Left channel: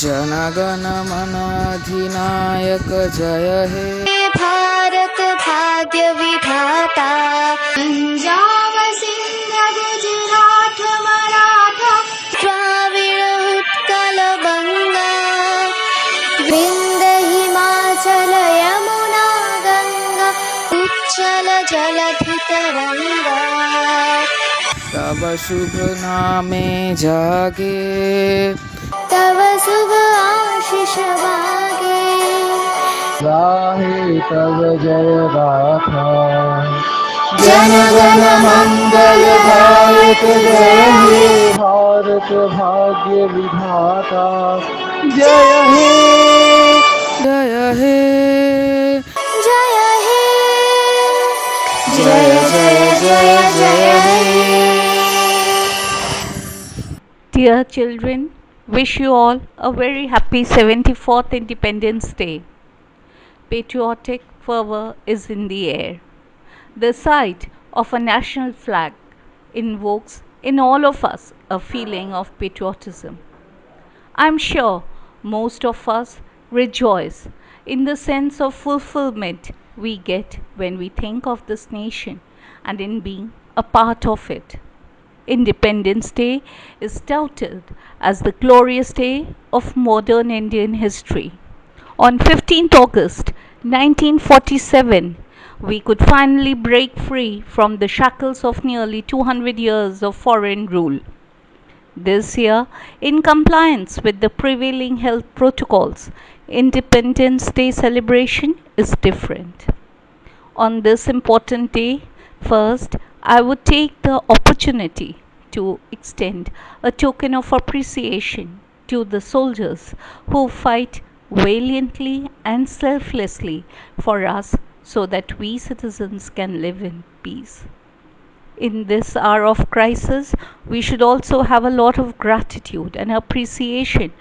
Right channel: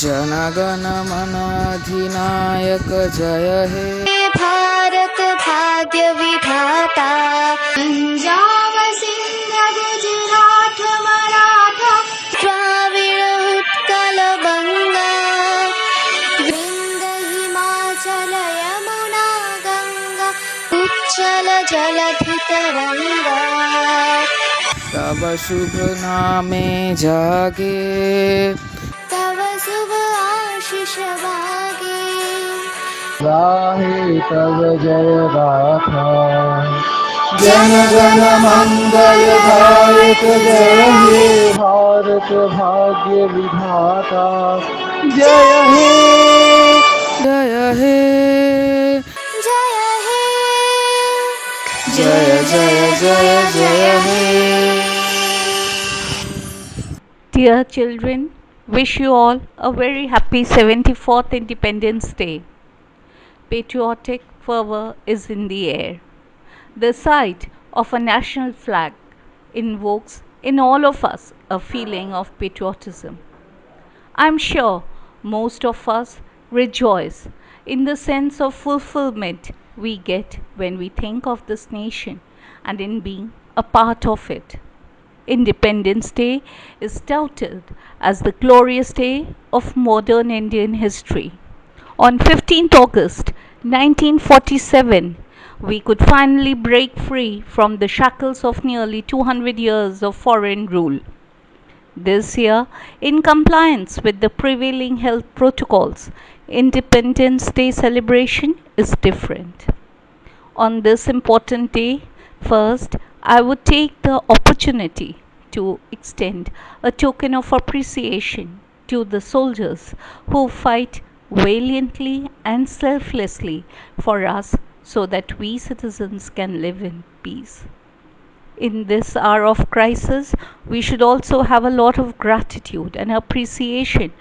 जनगण मन अधिनायक जय हे भारत भाग्य विधाता। पंजाब सिंध गुजरात मराठा द्राविड़ उत्कल गंगा विंध्य हिमाचल यमुना गंगा उच्चल जलधि तरंगा। तब शुभ नामे जागे तव शुभ आशीष मागे गाहे तब जय गाथा। जन गण मंगल भारत जय हे भारत भाग्य विधाता जय हे जय हे जय हे जय जय जय जय हे। Dear children, wish you all a very happy 74th Independence Day. Patriotic fervor is in the air. The sight of a national flag invokes in all of us a feeling of patriotism. I'm sure most of us rejoice in the sense of fulfillment we get when we think of this nation and in being a part of it. Independence Day is touted as the glorious day of modern Indian history. On 15th August 1947, we could finally break free from the shackles of nearly 200 years of foreign rule. This year, in compliance with the prevailing health protocols, Independence Day celebration is different. On this important day, first, I would take the opportunity to extend a token of appreciation to the soldiers who fight valiantly and selflessly for us so that we citizens can live in peace. In this hour of crisis, we should also have a lot of gratitude and appreciation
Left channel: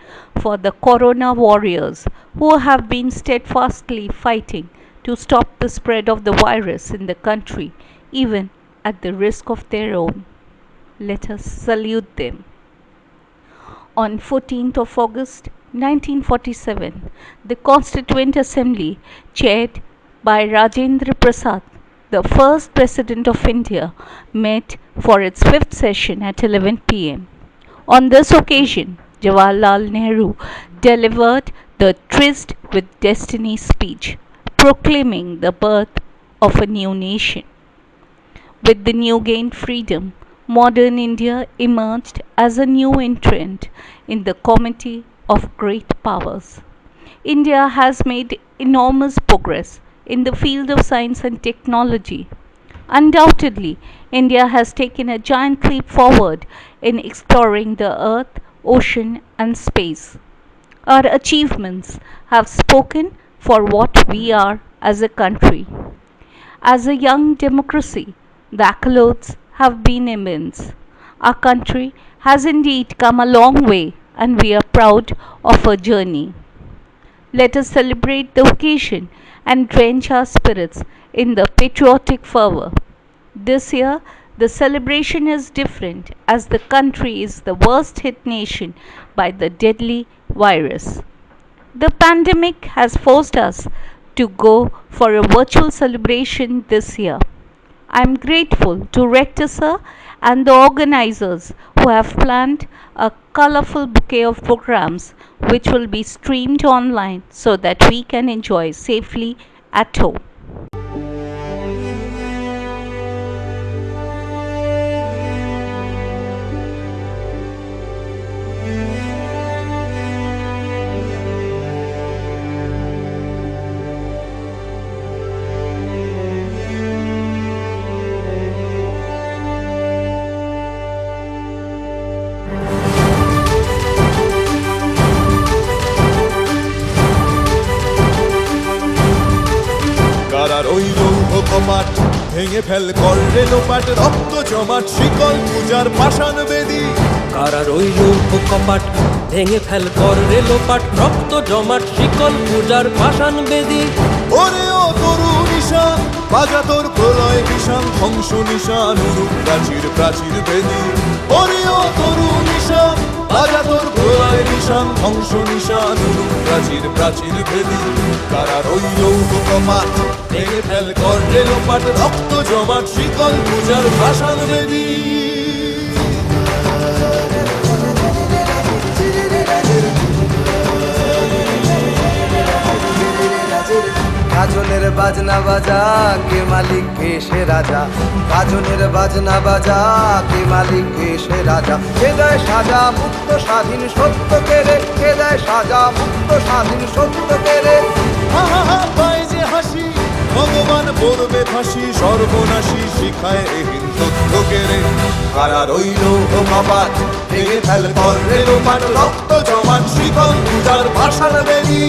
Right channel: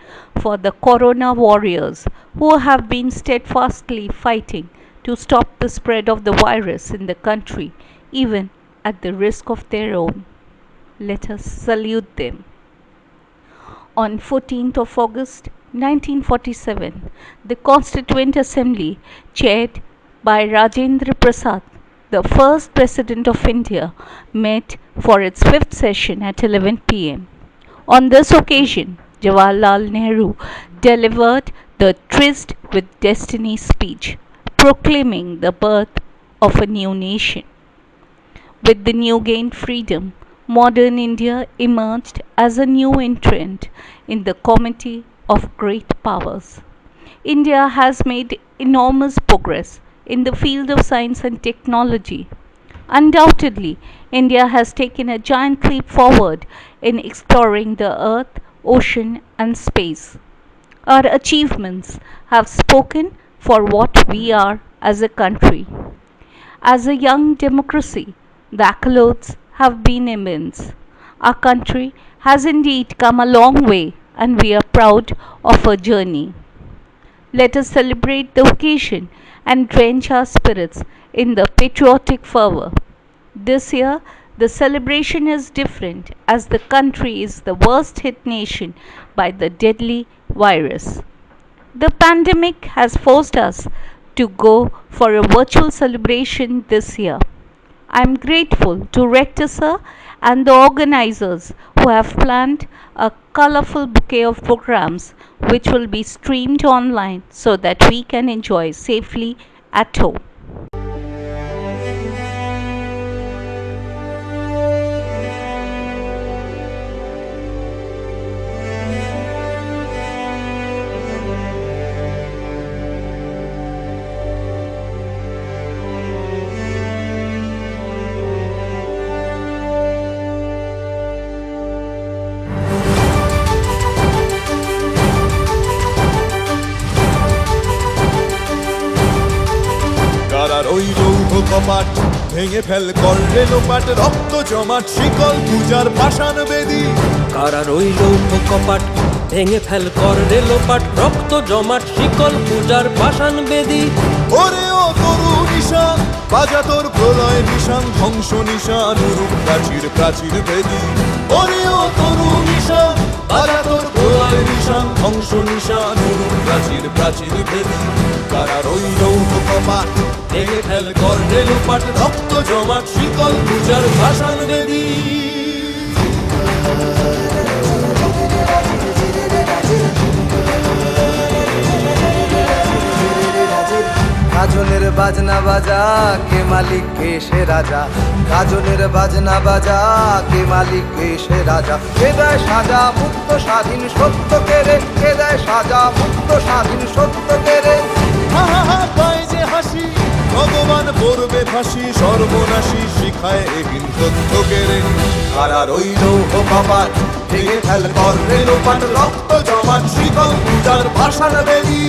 for the corona warriors who have been steadfastly fighting to stop the spread of the virus in the country, even at the risk of their own. Let us salute them. On 14th of August 1947, the Constituent Assembly, chaired by Rajendra Prasad, the first President of India, met for its fifth session at 11 p.m. On this occasion, Jawaharlal Nehru delivered the Tryst with Destiny speech, proclaiming the birth of a new nation. With the new gained freedom, modern India emerged as a new entrant in the comity of great powers. India has made enormous progress in the field of science and technology. Undoubtedly, India has taken a giant leap forward in exploring the earth, ocean, and space. Our achievements have spoken for what we are as a country. As a young democracy, the accolades have been immense. Our country has indeed come a long way, and we are proud of our journey. Let us celebrate the occasion and drench our spirits in the patriotic fervor. This year, the celebration is different as the country is the worst hit nation by the deadly virus. The pandemic has forced us to go for a virtual celebration this year. I am grateful to Rector Sir and the organizers who have planned a colorful bouquet of programs which will be streamed online so that we can enjoy safely at home. কারার ওই লৌহ কপাট ভেঙে fail কর রেলোপাট রক্ত জমাট শিকল পূজার পাষাণ বেদী। কারার ওই লৌহ কপাট ভেঙে ফেল কর রেলোপাট রক্ত জমাট শিকল পূজার পাষাণ বেদী। ওরে ও তরু নিশান বাজা তোর প্রলয় বিষান ধ্বংস নিশান উরুপ প্রাচীর প্রাচীর ভেদী। ওরে ও তরুণ নিশান বাজা তোর প্রলয় নিশান ধ্বংস নিশান উড়ুক প্রাচীর প্রাচীর ভেদি কারা রইল কপাট ভেঙে ফেল কর রেলোপাট রক্ত জমাট শিকল পূজার ভাষান বেদী গাজনের বাজনা বাজা কে মালিক কে সে রাজা গাজনের বাজনা বাজা কে মালিক কে সে রাজা কে দেয় সাজা মুক্ত স্বাধীন সত্য কেড়ে কে দেয় সাজা মুক্ত স্বাধীন সত্য কেড়ে হা হা হা পায় যে হাসি ভগবান পড়বে ফাঁসি সর্বনাশী শিখায় এহীন তথ্য কেড়ে কারা রইল কপাট ভেঙে ফেল কর রেলোপাট রক্ত জমাট শিকল পূজার ভাষান বেদী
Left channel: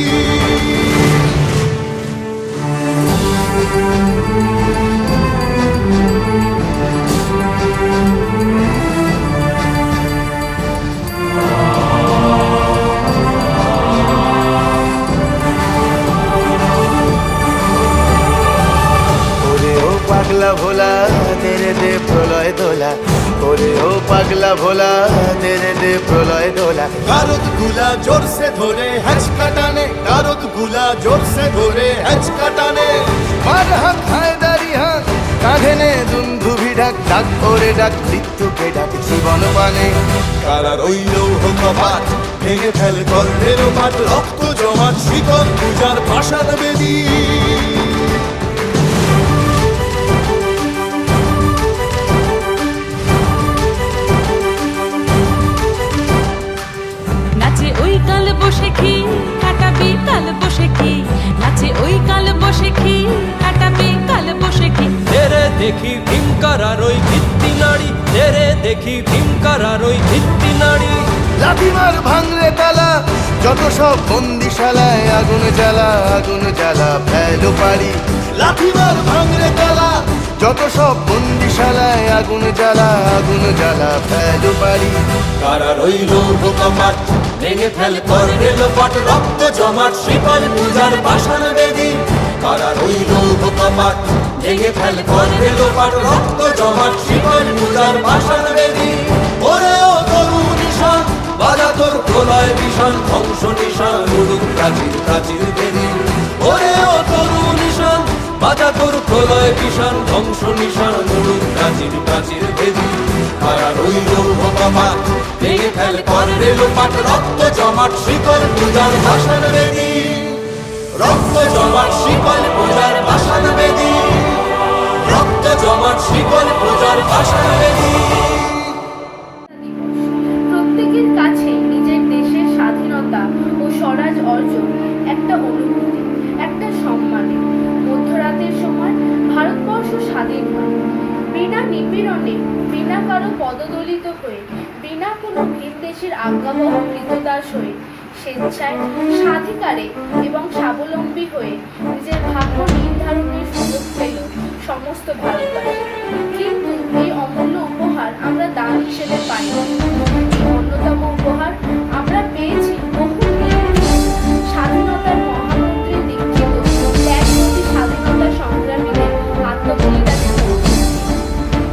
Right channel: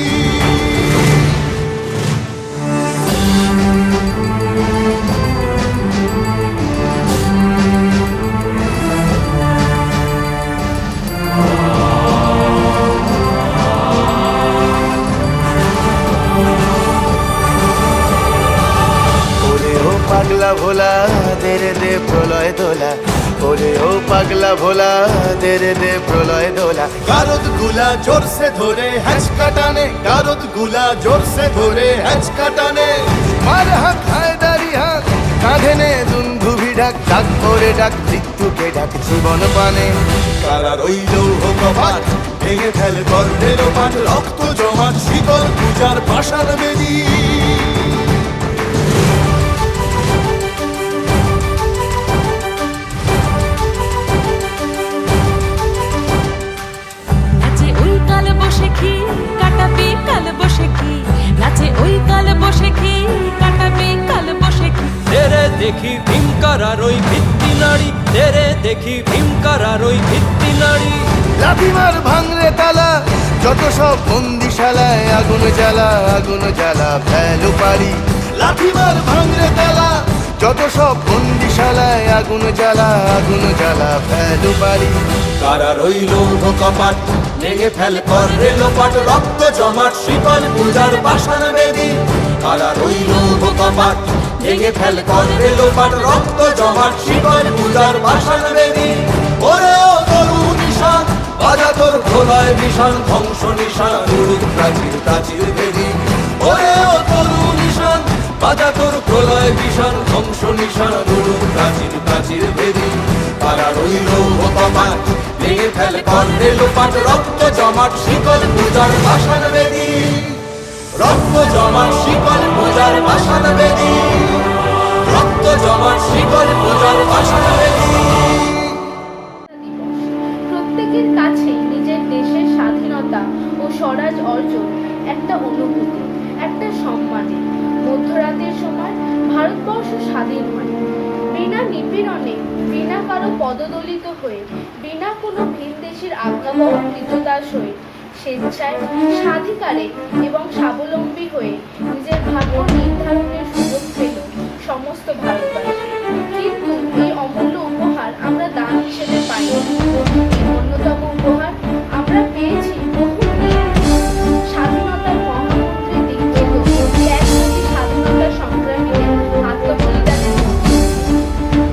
ওরে ও পাগলা ভোলা দেরে দে প্রলয় দোলা ওরে ও পাগলা ভোলা দেরে দে প্রলয় দোলা গারদ গুলা জোরসে ধরে হ্যাচকা টানে গারদ গুলা জোরসে ধরে হ্যাচকা টানে মার হাক হায়দারি হাক কাঁধে নে দুন্ধুভি ডাক ডাক ওরে ডাক মৃত্যুকে ডাক জীবন পানে কারা রইল কপাট ভেঙে ফেল কর রেলোপাট রক্ত জমাট শিকল পূজার ভাষান বেদী নাচে ওই কাল বসে কি কাটাবি কাল বসে কি নাচে ওই কাল বসে কি কাটাবি কাল বসে কি তেরে দেখি ভীমকারার ওই ভিত্তি নাড়ি তেরে দেখি ভীমকারার ওই ভিত্তি নাড়ি লাথিমার ভাঙরে তালা যত সব বন্দিশালায় আগুন জ্বালা ফেলো পারি লাঠিমার ভাঙরে তালা যত সব বন্দিশালায় আগুন জ্বালা ফেলো পারি কারা রইল কপাট ভেঙে ফেল কর রেলোপাট রক্ত জমাট শিকল পূজার পাষাণ বেদী কারা রইল কপাট ভেঙে ফেল কর রেলোপাট রক্ত জমাট শিকল পূজার পাষাণ বেদী ওরে ও তরুণ নিশান বাজা তোর প্রলয় বিষাণ ধ্বংস নিশান উড়ুক প্রাচীর প্রাচীর ভেদি ওরে ও তরুণ নিশান বাজা তোর প্রলয় বিষাণ ধ্বংস নিশান উড়ুক প্রাচীর প্রাচীর ভেদি কারা রইল কপাট ভেঙে ফেল কর রেলোপাট রক্ত জমাট শিকল পূজার ভাষান বেদী রক্ত জমাট শিকল পূজার ভাষান বেদী রক্ত জমাট শিকল পূজার ভাষান বেদী প্রত্যেকের কাছে নিজের দেশের স্বাধীনতা ও স্বরাজ অর্জন একটা অনুভূতি, একটা সম্মান। মধ্যরাতের সময় ভারতবর্ষ স্বাধীন হয়, বিনা নিপীড়নে, বিনা কারো পদদলিত হয়ে, বিনা কোনো ভিনদেশীর আজ্ঞা বা অমৃতদাস হয়ে, স্বেচ্ছায় স্বাধিকারে এবং স্বাবলম্বী হয়ে নিজের ভাগ্য নির্ধারণের সুযোগ পেল সমস্ত ভারতবাসী। কিন্তু এই অমূল্য উপহার আমরা দান হিসেবে পাই। অন্যতম উপহার আমরা পেয়েছি বহু স্বাধীনতার মহামন্ত্রী দীক্ষিত ত্যাগমতী স্বাধীনতা সংগ্রামীদের আত্মবলিদান।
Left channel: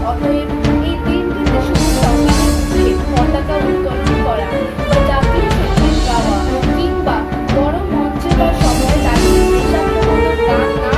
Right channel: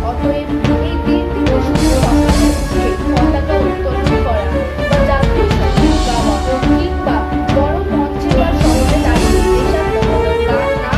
অতএব এই দিনটিতে শুধু সকালে উঠে পতাকা উত্তোলন করা বা জাতীয় সঙ্গীত গাওয়া কিংবা বড় মঞ্চে বা সভায় দাঁড়িয়ে দেশাত্মবোধক গান না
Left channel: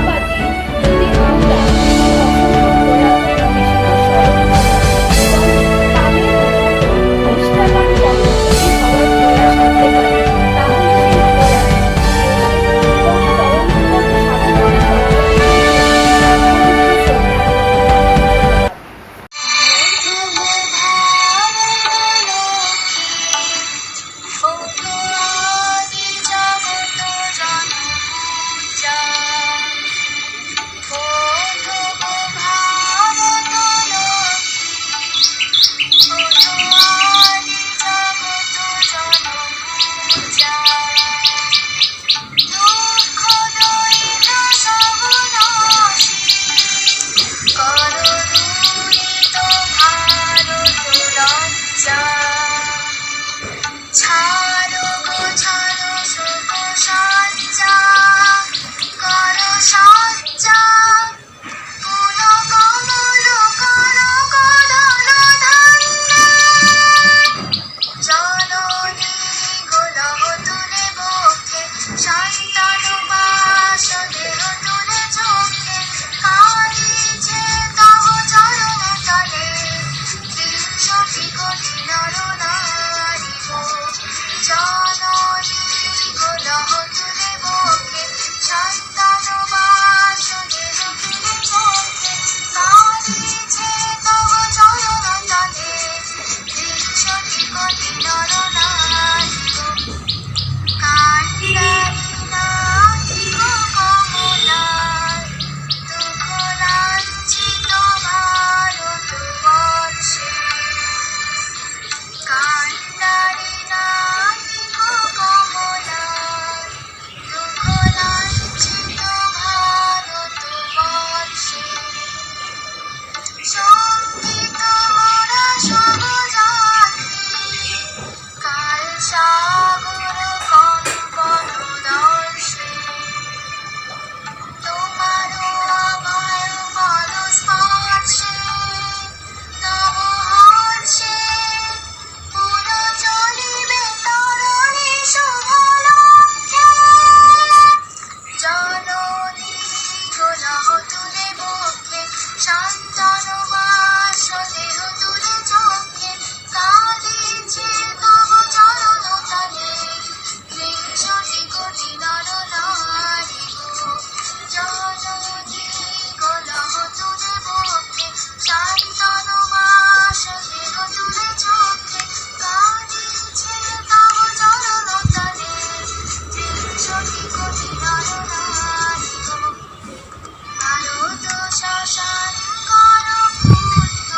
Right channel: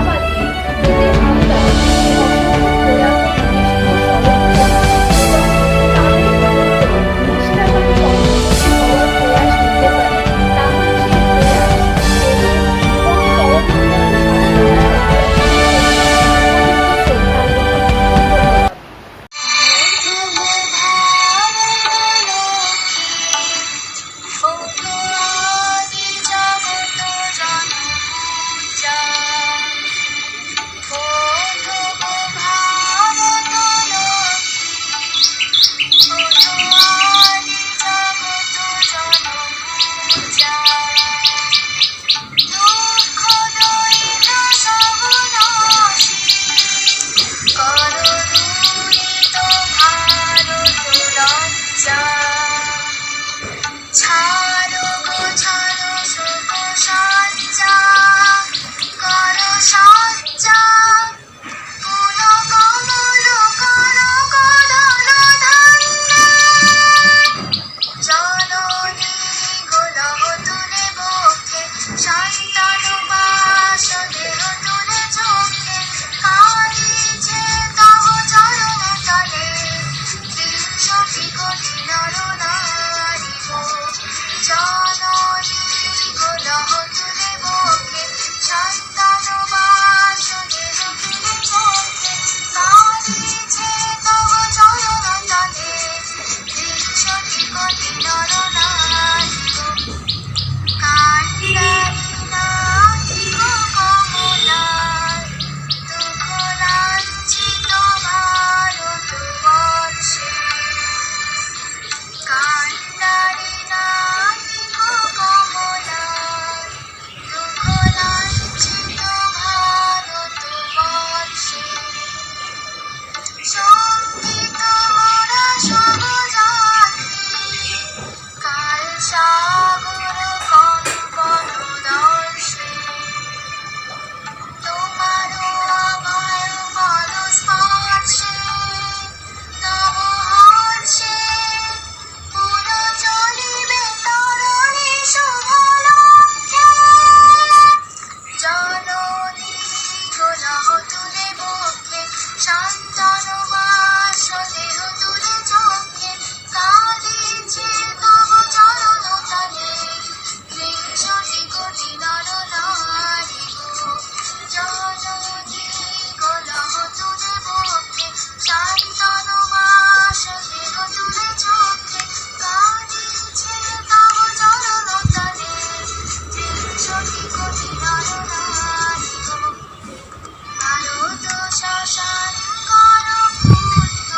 শ্মশান করো পূর্ণ,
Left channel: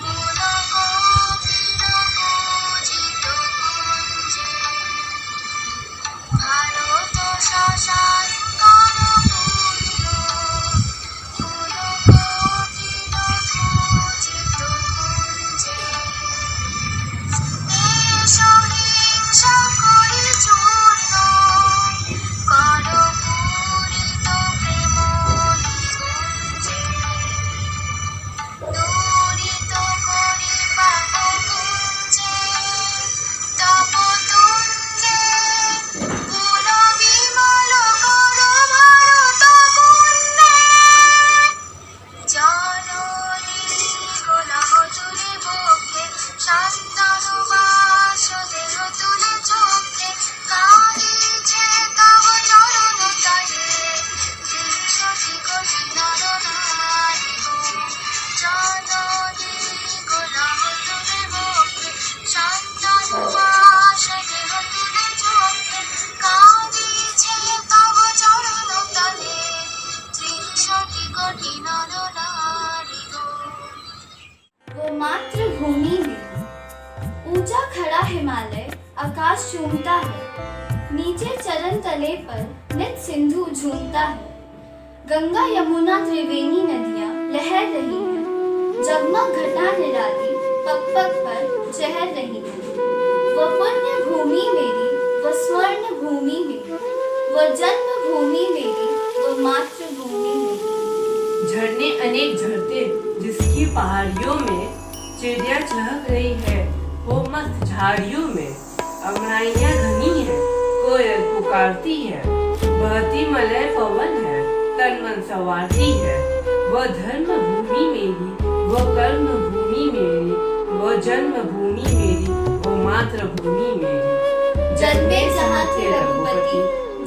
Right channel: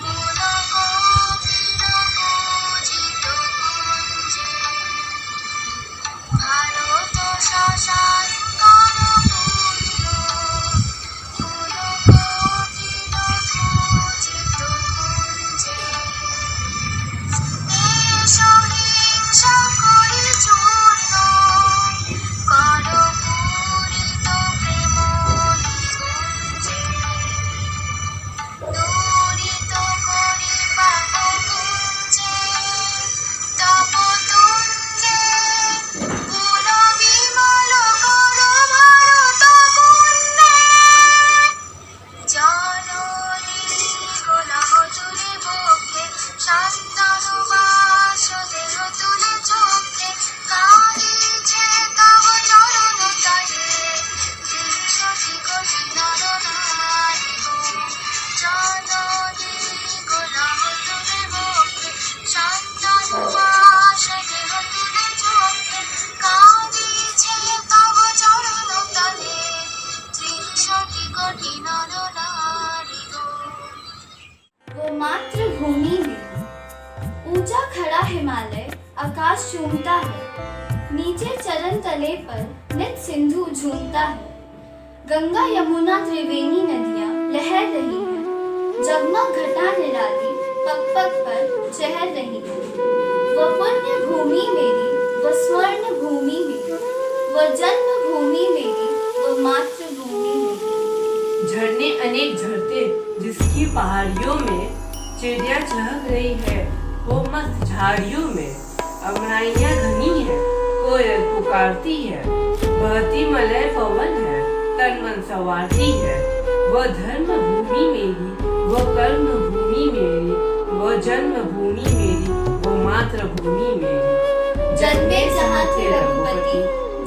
পুলকোকিল পূজিত কুঞ্জে। ভারত শ্মশান করো পূর্ণ, পুলকোকিল পূজিত কুঞ্জে। সহিংসা করি চূর্ণ, করো পূরিত প্রেম নিকুঞ্জে। দূরিত করি পাপ কুঞ্জে, তপ তুঞ্জে। কুল বিমল করো ভারত কুঞ্জে। জননী গোলাহ তুলে বক্ষে, শান্তনু বাস দেহ তুলে চোখে। কাঁদিছে তব চরণ তলে, ত্রিশটি কোটি নর নারী গো। জননী গোলাহ তুলে বক্ষে, শান্তনু বাস দেহ তুলে চোখে। কাঁদিছে তব চরণ তলে, ত্রিশটি কোটি নর নারী गो। वो मातृभूमि में ऊंचा खड़ा हिमालय आकाश चूमता है, नीचे चरण तले पर नित सिंधु झूमता है। गंगा यमुना त्रिवेणी नदियां लहर रही हैं, जगमग घटा निराली पग पग पर चहर रही हैं। वो पुण्य भूमि मेरी, वो स्वर्ण भूमि मेरी, वो जन्म भूमि मेरी, वो मातृभूमि मेरी। झरने अनेक झरते जिसकी पहाड़ियों में चिड़िया चहक रही है वो मस्त झाड़ियों में। अमराइयाँ घनी है, कोयल पुकारती है, बहती मलय पवन है, तन मन संवारती है। वो धर्म भूमि मेरी, वो कर्म भूमि मेरी, वो जन्म भूमि मेरी, वो मातृभूमि मेरी। जन्मे जहाँ थे रघुपति,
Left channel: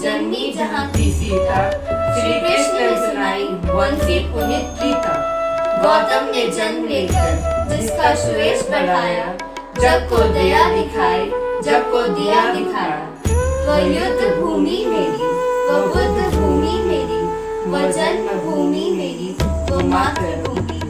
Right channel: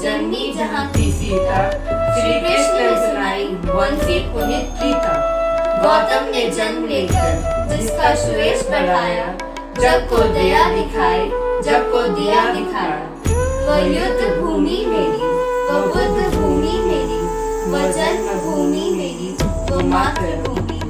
जन्मी जहाँ थी सीता, श्री कृष्ण ने सुनाई बंसी पुनीत गीता। गौतम ने जन्म लेकर जिसका सुयश बढ़ाया, जग को दया दिखाई, जग को दिया दिखाया। वो युद्ध भूमि मेरी, वो बुद्ध भूमि मेरी, वो जन्म भूमि मेरी, वो मातृभूमि मेरी।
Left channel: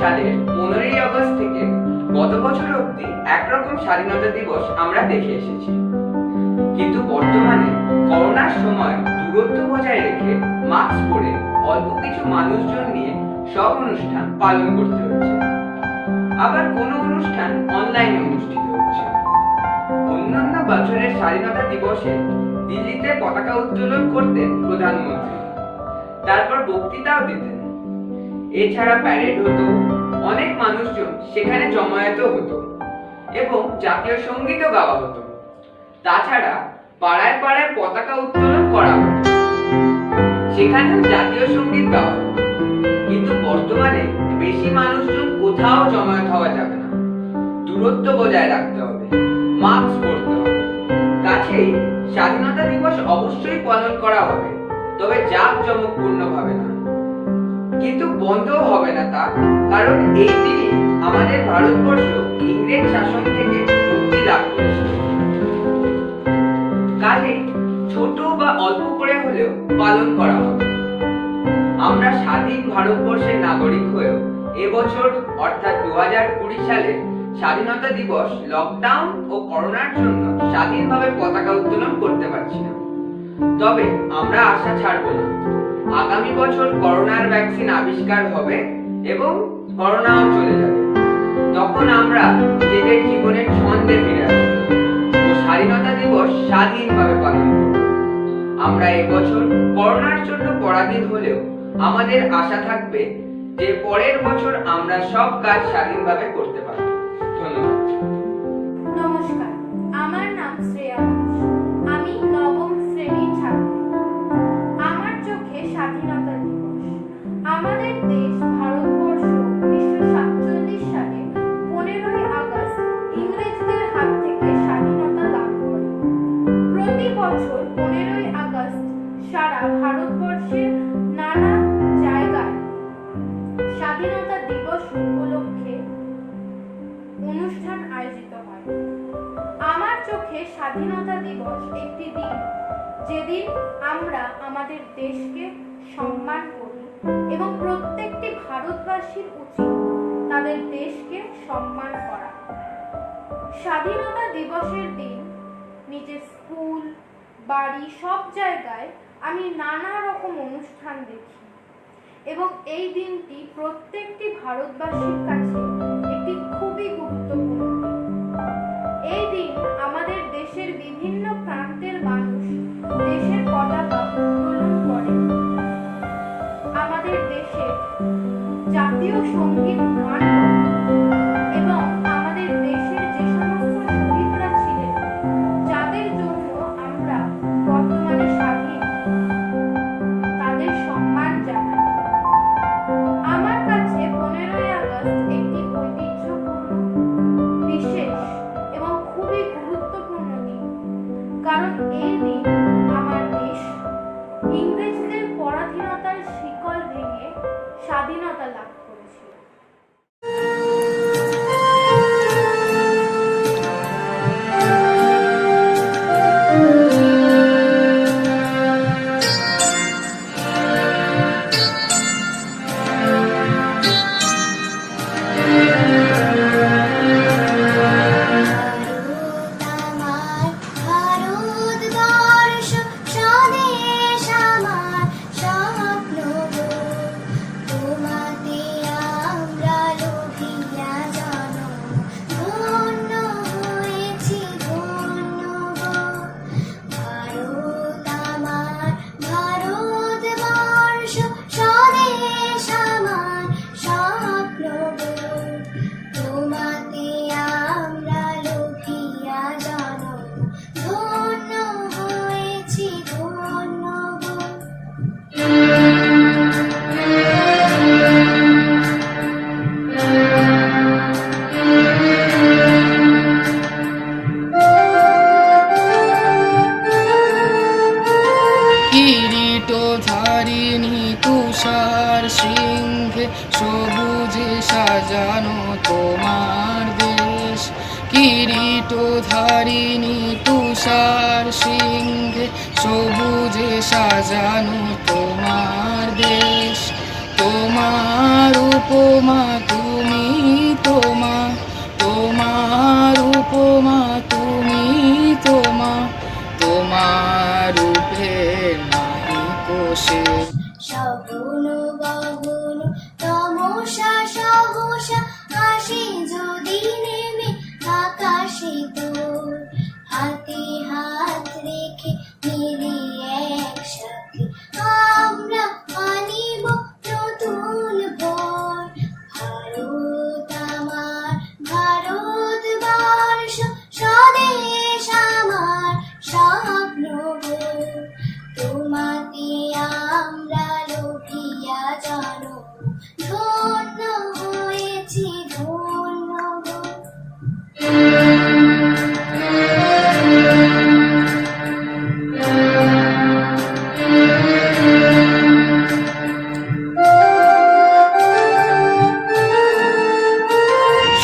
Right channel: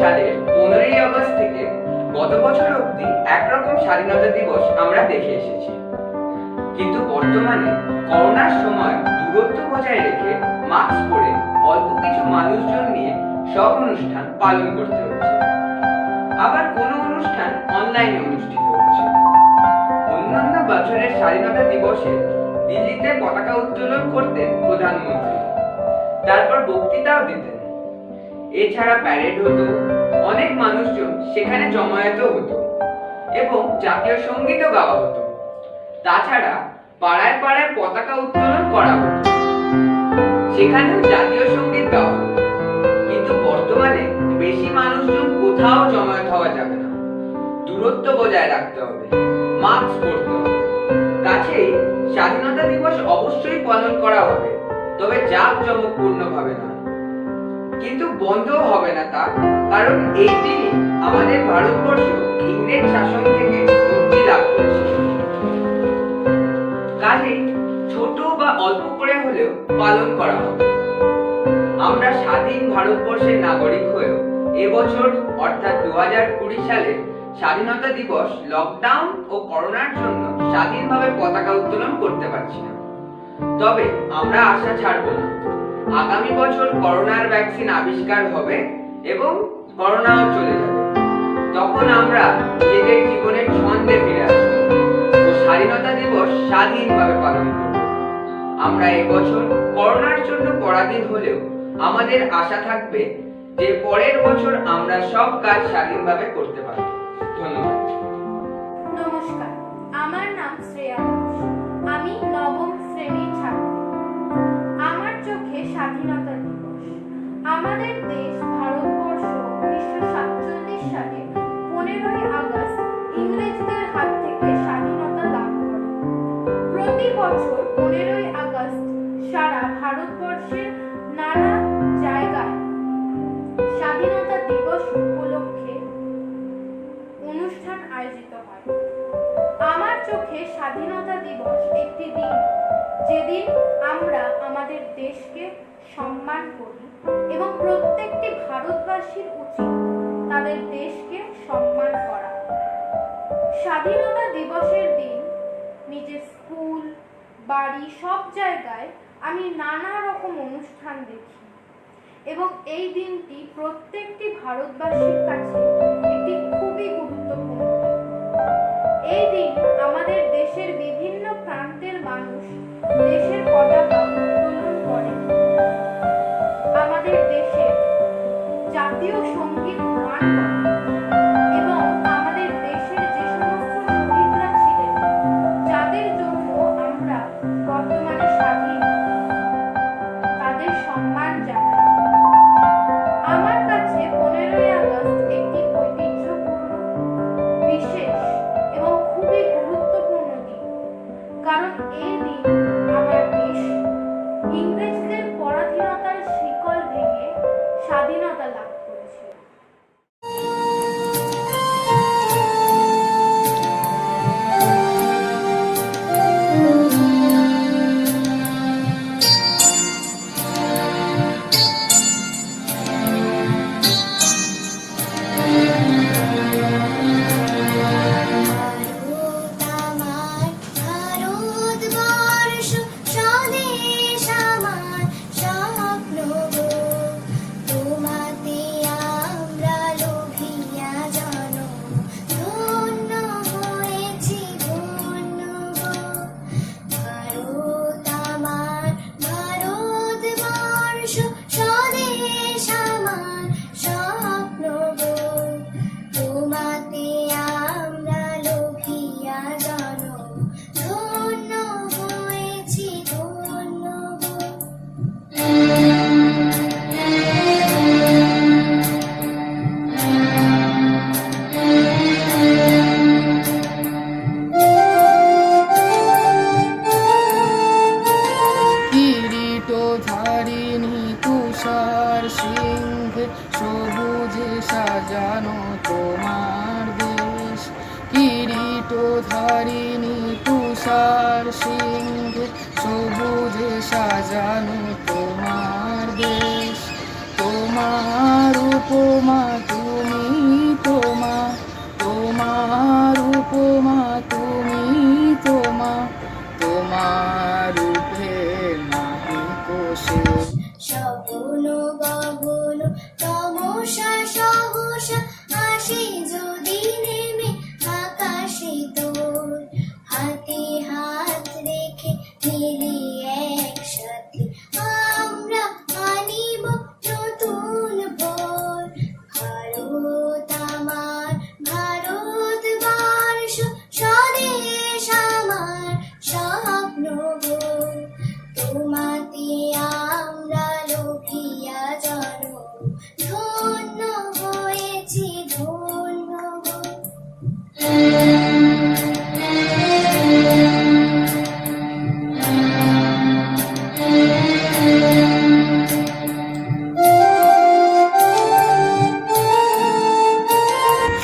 সালের 15ই আগস্ট থেকে গত বছর অবধি একরকম স্বাধীনতা দিবস আমরা দেখে এসেছি, কিন্তু বর্তমানে করোনার সময় দূরত্ব বজায় রেখে মাস্ক পরে অল্প কিছু মানুষজন নিয়ে সব অনুষ্ঠান পালন করতে হচ্ছে। আবার কোনো অনুষ্ঠান অনলাইনে অনুষ্ঠিত হচ্ছে। অন্যান্য বছরের স্বাধীনতা দিবসে দিল্লিতে পতাকা উত্তোলন করতেন প্রধানমন্ত্রী, তারপর বক্তৃতাও দিতেন। এছাড়া প্যারেড হতো, অনেক মানুষজন সেখানে জমায়েত হতো এবং জাতীয় সঙ্গীতও গাওয়া হতো। তাছাড়া পাড়ায় পাড়ায় পতাকা উত্তোলন করা হতো, সেখানেও জাতীয় সঙ্গীত গাওয়া হতো। কিন্তু বর্তমানে বেশি মানুষজন কোথাও জমায়েত হওয়া যাবে না, দূরত্ব বজায় রাখতে হবে, মাস্ক পরতে হবে। কাছেই স্বাধীনতা দিবস অবশ্যই পালন করা হবে, তবে জাঁকজমকপূর্ণ ভাবে নয়। কিন্তু বন্ধও হবে না তা, কারণ এই দিনই আমাদের ভারতবর্ষ ইংরেজ শাসন থেকে মুক্তি লাভ করেছিল। কাজেই ছোট বা অল্প করে হলেও পালন করা হবে। আমরা স্বাধীন ভারতবর্ষের নাগরিক হয়েও এবছর অর্থাৎ 2020 সালে স্বাধীনতা দিবস লকডাউন ও করোনার জন্য স্বাধীনভাবে পতাকা উত্তোলন করতে পারছি না। তবে আমরা আশা ছাড়ব না, আগামী বছর করোনার ভ্যাকসিন আবিষ্কার হবে এবং করোনাও চলে যাবে। তখন আমরা নিজেদের জীবনের ছন্দে ফিরে আসব ও স্বাধীনতা দিবস স্বাধীনভাবে পালন করব। আমরা এবছর করোনার জন্য পরাধীন হলেও আমাদের আশা থাকবে যে পরের বছর আমরা সব কাজ স্বাধীনভাবে করতে পারব। ধন্যবাদ। নমস্কার, আমার নাম শ্রেয়া দাস। আমি নবম শ্রেণীর ছাত্রী। আমার চোখে স্বাধীনতা দিবস। আমাদের দেশ ভারতবর্ষ 1947 সালে 15ই আগস্ট ইংরেজদের হাত থেকে স্বাধীনতা লাভ করে। প্রতি বছর 15ই আগস্ট সারা ভারতবর্ষের নানা জায়গায় স্বাধীনতা দিবস উপলক্ষে অনুষ্ঠান আয়োজিত হয়। আমার চোখে স্বাধীনতা দিবস একটি দিন যেদিন আমরা আমাদের দেশকে সম্মান করি এবং প্রত্যেকটি ভারতবাসীর উচিত তাদের দেশকে সম্মান করা। স্বাধীনতা দিবসের দিন নিজের স্কুল, বাড়ি সব জায়গায় আমি নানা রকম অনুষ্ঠান দেখি এবং এই দিনটি প্রত্যেকটি ভারতবাসীর কাছে একটি খুবই গুরুত্বপূর্ণ দিন। এই দিন আমাদের দেশের বিভিন্ন প্রান্তের মানুষ দেশের পতাকা উত্তোলন করে, আমাদের দেশের জাতীয় সঙ্গীত গান করে এবং আমাদের দেশের যে সমস্ত শহীদরা ছিলেন, যাদের জন্য আমরা বর্তমানে স্বাধীন, তাদের সম্মান জানাই। আমার কাছে 15ই আগস্ট একটি ঐতিহ্যপূর্ণ, বিশেষ এবং খুবই গুরুত্বপূর্ণ দিন, কারণ এই দিন আমার দেশ ইংরেজদের পরাধীনতার শিকল ভেঙে স্বাধীনতা লাভ করেছিল। সবুজে সাজানো তোমার দেশ, কিরীটধারিণী তুষার সিংহে সবুজে সাজানো তোমার দেশ। তোমার উপমা তুমি তোমা, তোমার উপমা তুমি তোমা, তোমার রূপে নাহি কোষে। স্বপ্ন গগন তমসা সহসা আসে যদি নেমে আকাশে তোর, হাতে হাত রেখে মিলি একসাথে আমরা আনিব নতুন ভোর। ভারত আমার ভারতবর্ষ, স্বদেশ আমার স্বপ্ন গো, তোমাতে আমরা লোভিয়া জানো, ধন্য হয়েছি ধন্য গো।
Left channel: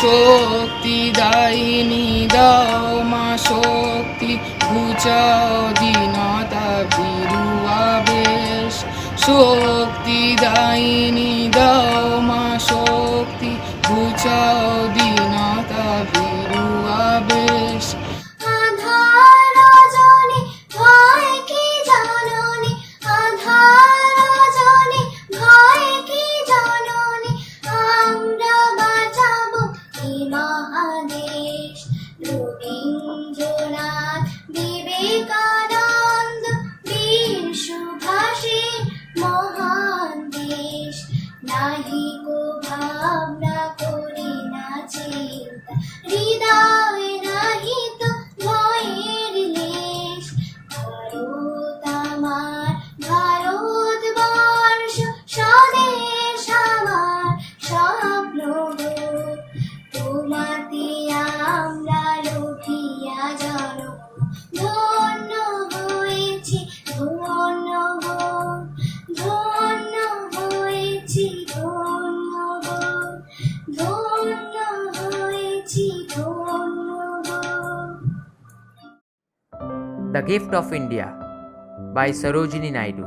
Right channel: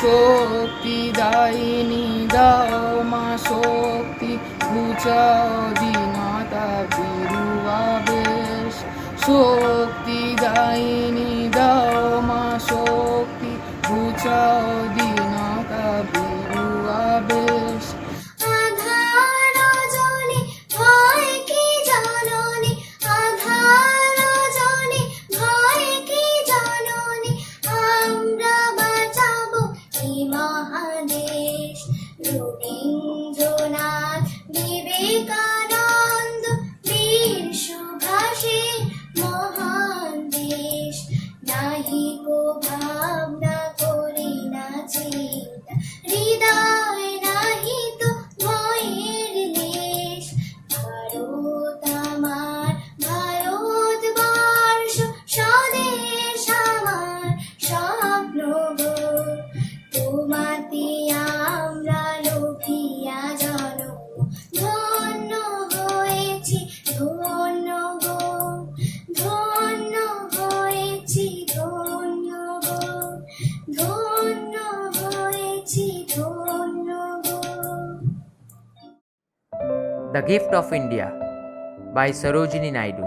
শক্তি দায়িনী দাও মা শক্তি, ঘুচাও দীনতা ভীরু আবেশ। শক্তি দায়িনী দাও মা শক্তি, ঘুচাও দীনতা ভীরু আবেশ। আধার রজনী ভয় কি জাননি, আধার রজনী ভয় কি জাননি, আমরা বাঁচাবো এই মহাদেশ। রবীন্দ্রনাথ, বিবেকানন্দ, বীর সুভাষের মহান দেশ। নাহি কো ভাবনা করি না চিন্তা, হৃদয় নাহি তো ভয়ের লেশ। ভারত আমার ভারতবর্ষ, স্বদেশ আমার স্বপ্ন গো, তোমাতে আমরা লোভিয়া জানো, ধন্য হয়েছি ধন্য গো, ধন্য হয়েছি ধন্য গো, ধন্য হয়েছি ধন্য গো। The Gift of India by Sarojini Naidu.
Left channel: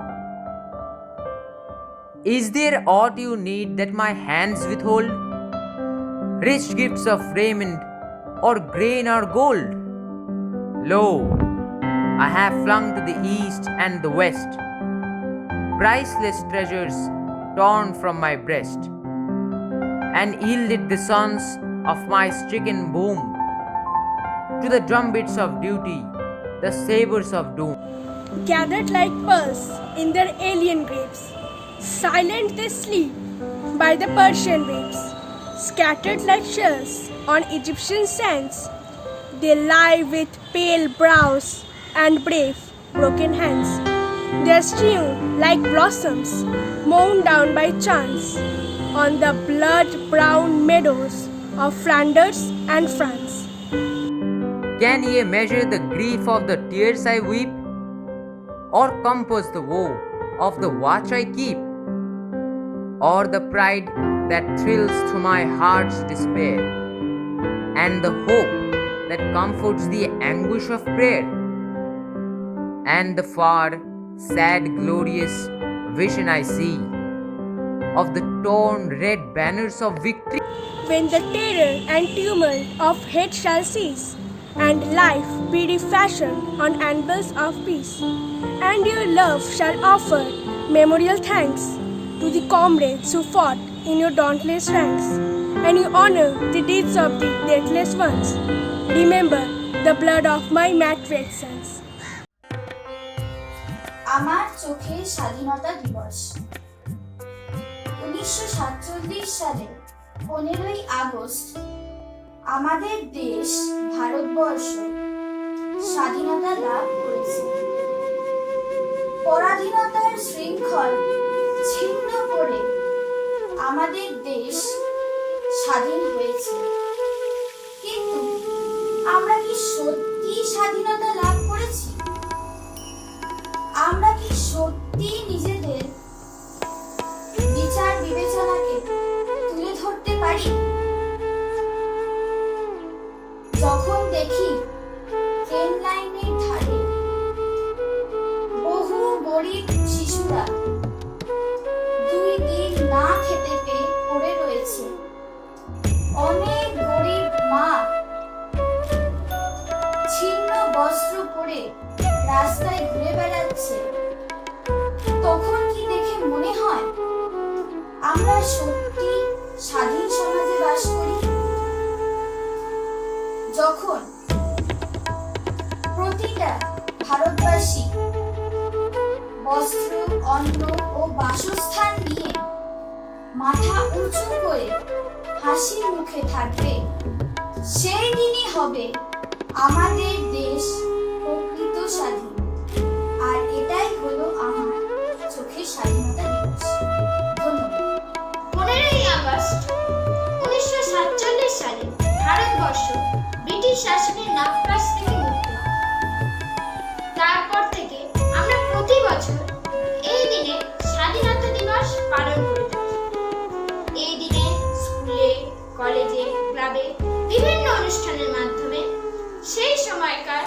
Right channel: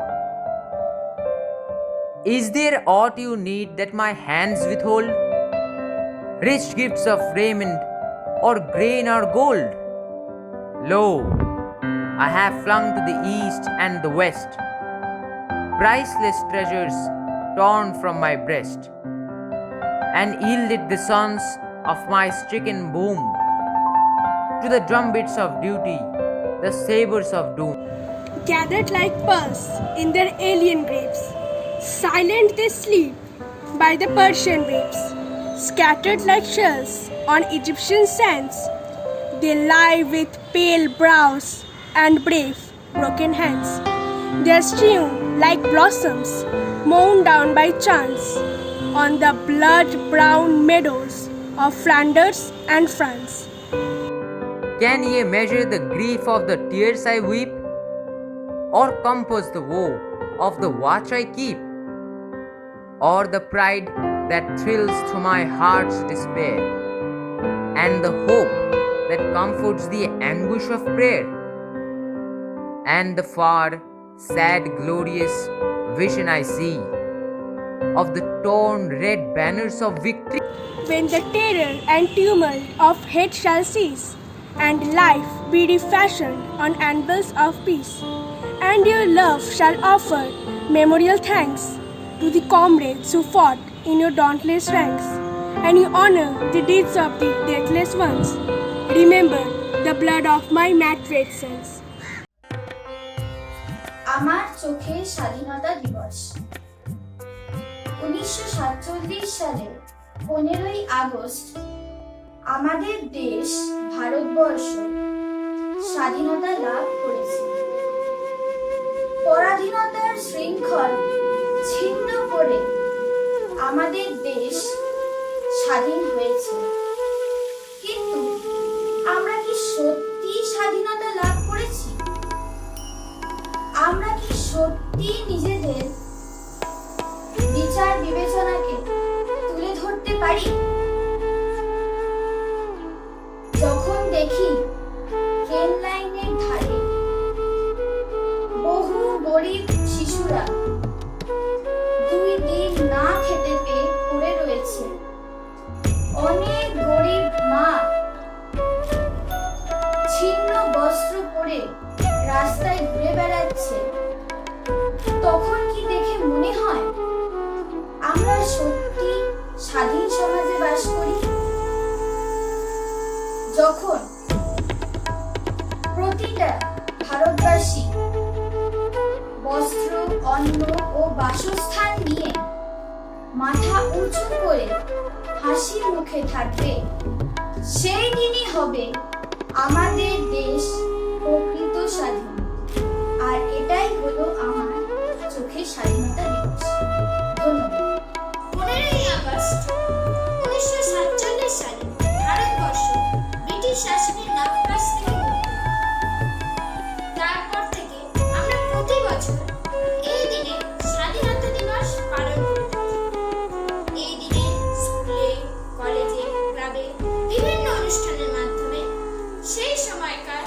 Is there aught you need that my hands withhold? Rich gifts of raiment, or grain or gold? Lo, I have flung to the east and the west priceless treasures torn from my breast, and yielded the sons of my stricken womb to the drumbeats of duty, the sabres of doom. Gathered like pearls in their alien graves, silent they sleep by the Persian waves. Scattered like shells on Egyptian sands, they lie with pale brows and brave, broken hands. They are strewn like blossoms mown down by chance on the blood-brown meadows of Flanders and France. Can ye measure the grief of the tears I weep, or compass the woe of the watch I keep, or the pride that thrills through my heart's despair, and the hope that comforts the anguish of prayer, and the far, sad, glorious vision I see of the torn red banners of victory. When the terror and tumult of hate shall cease, and life be refashioned on anvils of peace, and your love shall offer memorial thanks to the comrades who fought in your dauntless ranks, and you honor the deeds of the deathless ones. Remember the blood of my matrix sons. আমার চোখে স্বাধীনতা দিবস 1947 সালে 15ই August আমাদের দেশ ভারতবর্ষ স্বাধীনতা লাভ করেছে। পরাধীনতার শৃঙ্খল ছিন্ন করে আমাদের দেশ স্বাধীন হয়েছে। কিন্তু আমরা কি সত্যি স্বাধীনতা লাভ করেছি? আমরা কি সত্যি নিজেদের বিচার বিবেচনাকে তুলে ধরতে পারি? যখন দেখি ট্রেন লাইনের ধারে বহু গরিব শিশুরা 2 দিন না খেতে পেয়ে পড়ে পরে রাস্তায় ঘুরে বেড়াচ্ছে, তখন কি দেখে মনে হয় আমরা সত্যি স্বাধীন সমাজে বাস করি? যখন প্রতিটা ভারতবাসী বস্ত্র, অন্ন ও বাসস্থান নিয়ে মাথা উঁচু করে হাসি মুখে থাকবে, সেই দিনই হবে আমাদের দেশ প্রকৃত স্বাধীন। আর এটাই হলো আমার চোখের স্বাধীনতা দিবস। ধন্যবাদ। 15ই আগস্ট 1947 সালে ভারতবর্ষ ব্রিটিশ শাসনের নাগপাশ থেকে মুক্ত হয়। তারপর থেকে আমরা প্রতি বছর এই দিনে স্বাধীনতা দিবস পালন করে থাকি। এই দিনে স্কুলে, কলেজে, ক্লাবে বিভিন্ন অনুষ্ঠানের মাধ্যমে সেই সময়কার